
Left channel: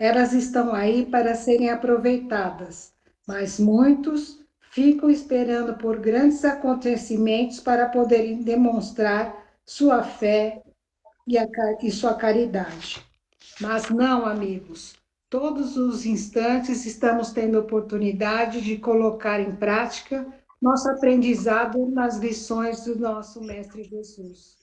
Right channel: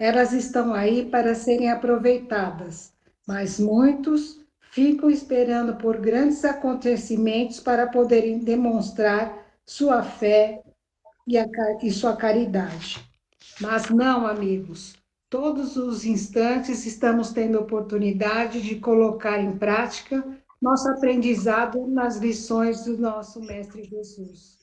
Elas estão aí para serem aproveitadas, mas muitos ficam esperando por grandes acontecimentos para poderem demonstrar sua fé e sua caridade. Mas não, amigos, todos os instantes estamos tendo oportunidade de colocar em prática nosso aprendizado nas lições do nosso Mestre Jesus.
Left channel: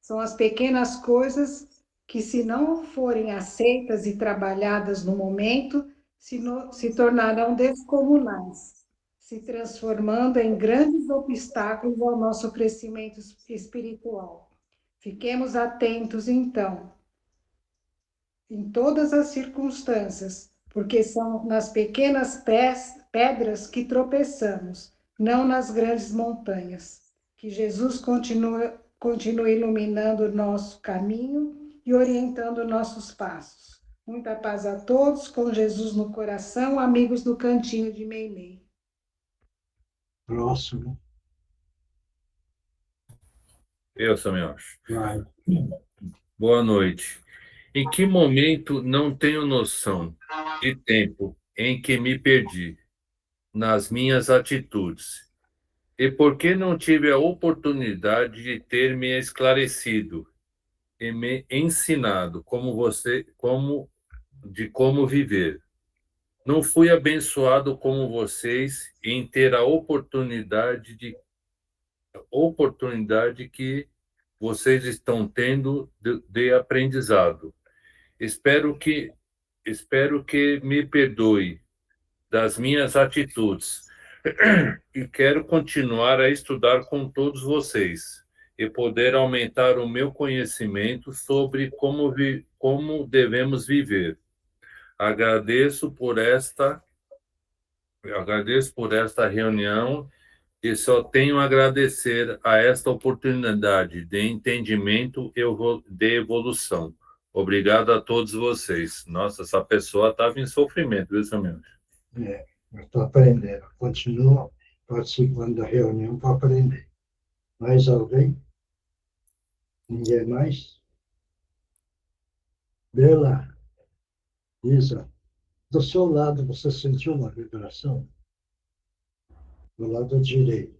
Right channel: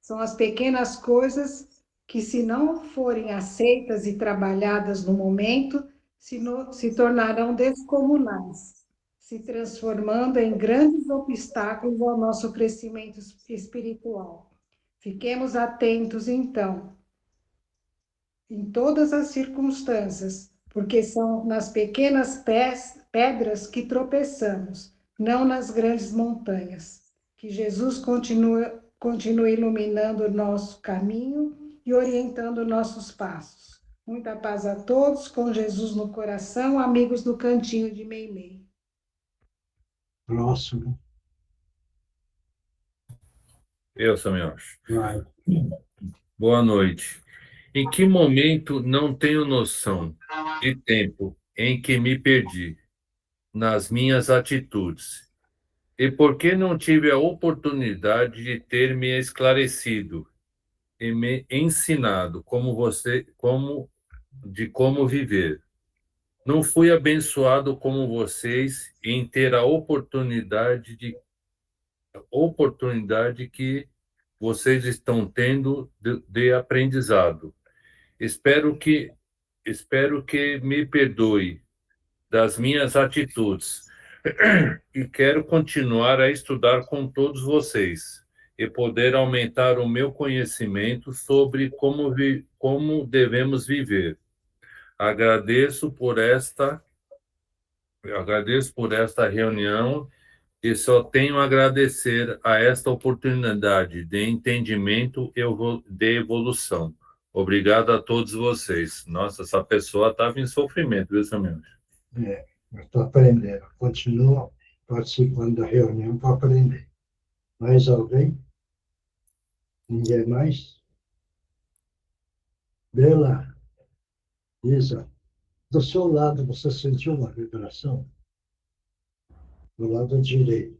São as pequenas coisas que, se não forem aceitas e trabalhadas no momento, se tornarão descomunais, se transformando em grandes obstáculos ao nosso crescimento espiritual. Fiquemos atentos, então, em todas as circunstâncias, porque são nas pequenas pedras que tropeçamos, não nas grandes montanhas. Que Jesus continue iluminando o nosso caminho e orientando nossos passos. Muita paz a todos, com Jesus no coração, amigos do Cantinho de Meimei. Próximo. Eu, Samiosh. Vai. Boa noite. Em que momento não tenho noção de tempo em que me perdi nas minhas atitudes? E por que não tive a oportunidade de ter me esclarecido e me ensinado como viver? Não fui abençoado como vocês em ter a oportunidade que vocês estão tendo de aprendizado. Espero que me perdoe das minhas atitudes e quero continuar a estudar com todos vocês e poder aumentar o meu conhecimento sobre como devemos viver. Agradeço por esta reunião e só tenho a agradecer a esta oportunidade de entendimento e de evolução. Obrigado a todos vocês. Nossa, essa pessoa estava em sofrimento, viu, Samuel? Eu estou aprendendo. Continuo participando da reunião para aprender. Mais alguém? Ninguém mais? Bela, Isa, do seu lado você sentiu uma vibração? Do lado direito.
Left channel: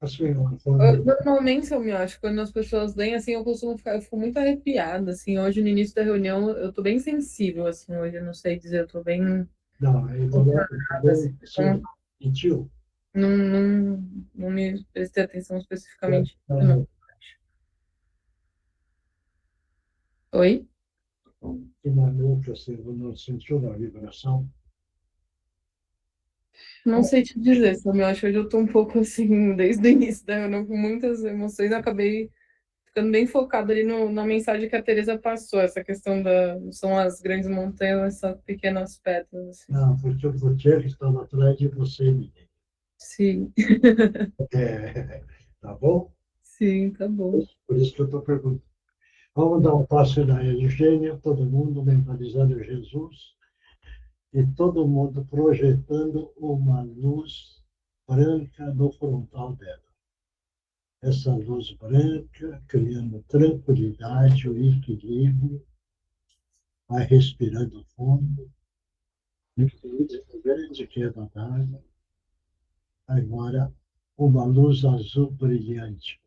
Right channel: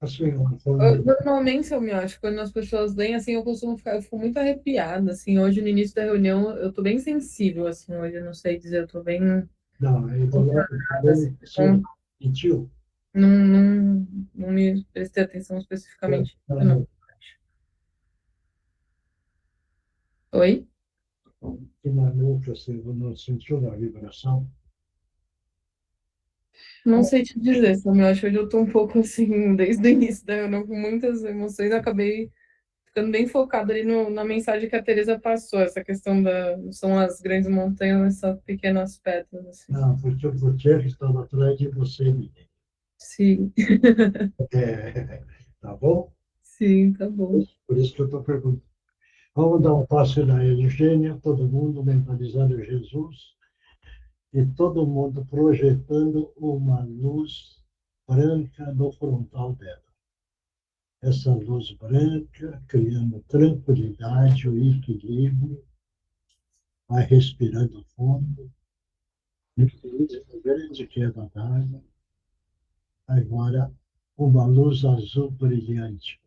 Assim, foi... Normalmente, eu me acho, quando as pessoas leem, assim, eu fico muito arrepiada, assim, hoje no início da reunião, eu tô bem sensível, assim, hoje, eu não sei dizer, eu tô bem Não, ele assim, você sentiu? não me prestei atenção especificamente, não. Oi? Que maluco, você não sentiu na vibração? Não sei te dizer, Samuel, acho que hoje eu tô um pouco, assim, desde o início da reunião, com muitas emoções, acabei ficando bem focada ali na mensagem que a Teresa passou, essa questão não são as grandes montanhas, mas são pequenas pedras, assim. Não, porque o Gutierrez estava atrás de você, menino. Sim. Tá bom? Sim, tá bom. Por isso que eu estou perguntando. Vamos dar um passo na Eugênia, todo mundo mentalizando Jesus e todo mundo projetando uma luz branca no frontal dela. Essa luz branca criando tranquilidade, o equilíbrio, vai respirando fundo, uma grande queda d'água. Agora, uma luz azul brilhante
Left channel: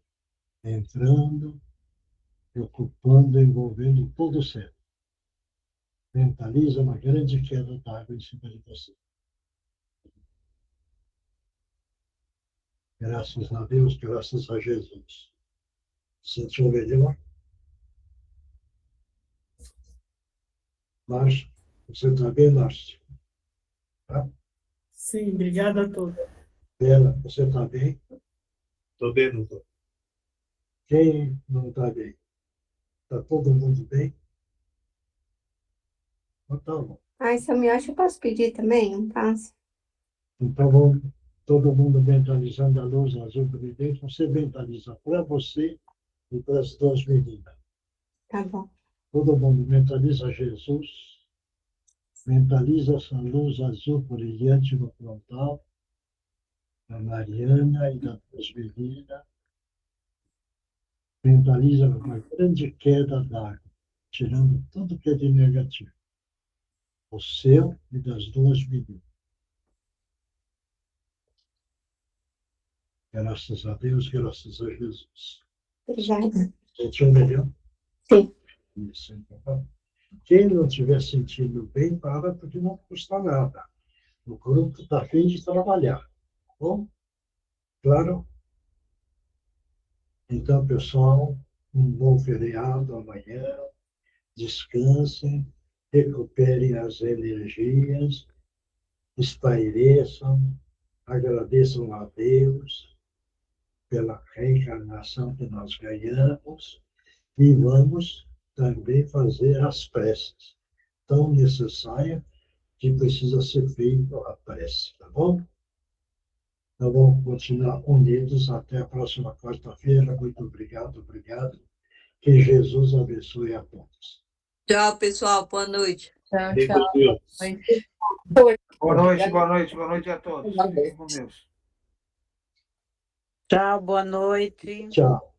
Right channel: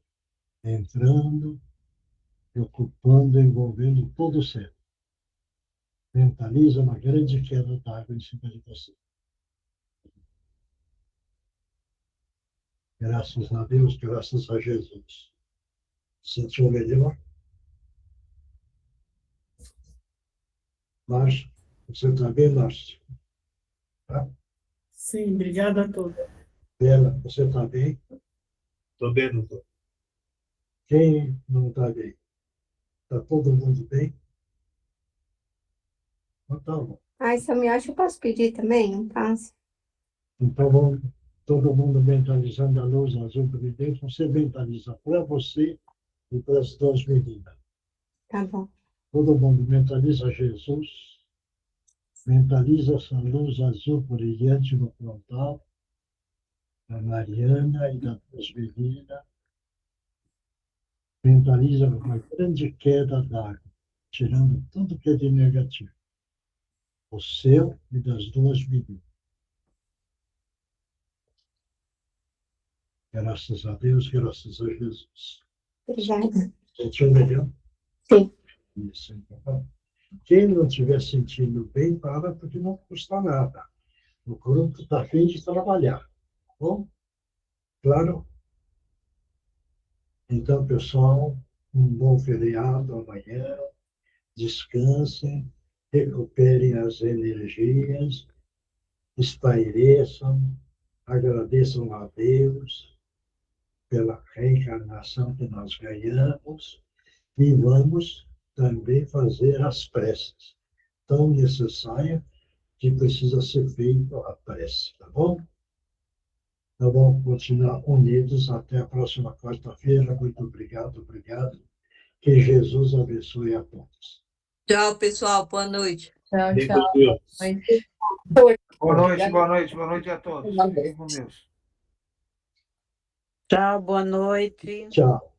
entrando, ocupando, envolvendo todo o céu. Mentaliza uma grande queda d'água em cima de você. Graças a Deus, graças a Jesus. Sentiu melhor? Márcio, você está bem, Márcio? Tá? Sim, obrigada a todos. Bela, você está bem? Estou bem, doutor. Quem não está bem? Está todo mundo bem? Então tá bom. Ai, Samuel, acho que eu posso pedir também um passo? Então vamos todo mundo mentalizando a luz azul brilhante. Você mentaliza para você e para as duas meninas. Tá bom. Todo mundo mentaliza Jesus, mentaliza essa luz azul brilhante no frontal, da Mariana e das duas meninas. Mentaliza uma grande queda d'água, tirando tudo que é de negativo. O seu e das duas meninas. Graças a Deus, graças a Jesus. Obrigada. Sentiu melhor? Sim. Isso, então. Quem não estiver sentindo bem, para, porque não custa nada. O grupo está a fim de trabalhar. Tá bom? Claro? Então, pessoal, um bom feriado amanhã. Descansem, recuperem as energias, espaireçam, agradeçam a Deus pela reencarnação que nós ganhamos e vamos também fazer as preces tão necessárias que precisa ser feita a prece, tá bom? Então vamos continuar unidos até a próxima quarta-feira. Muito obrigado, obrigado. Que Jesus abençoe a todos. Tchau, pessoal. Boa noite. Tchau, Bem tchau. com Deus. Boa noite a todos. Fiquem com Deus. Tchau, boa noite. Tchau.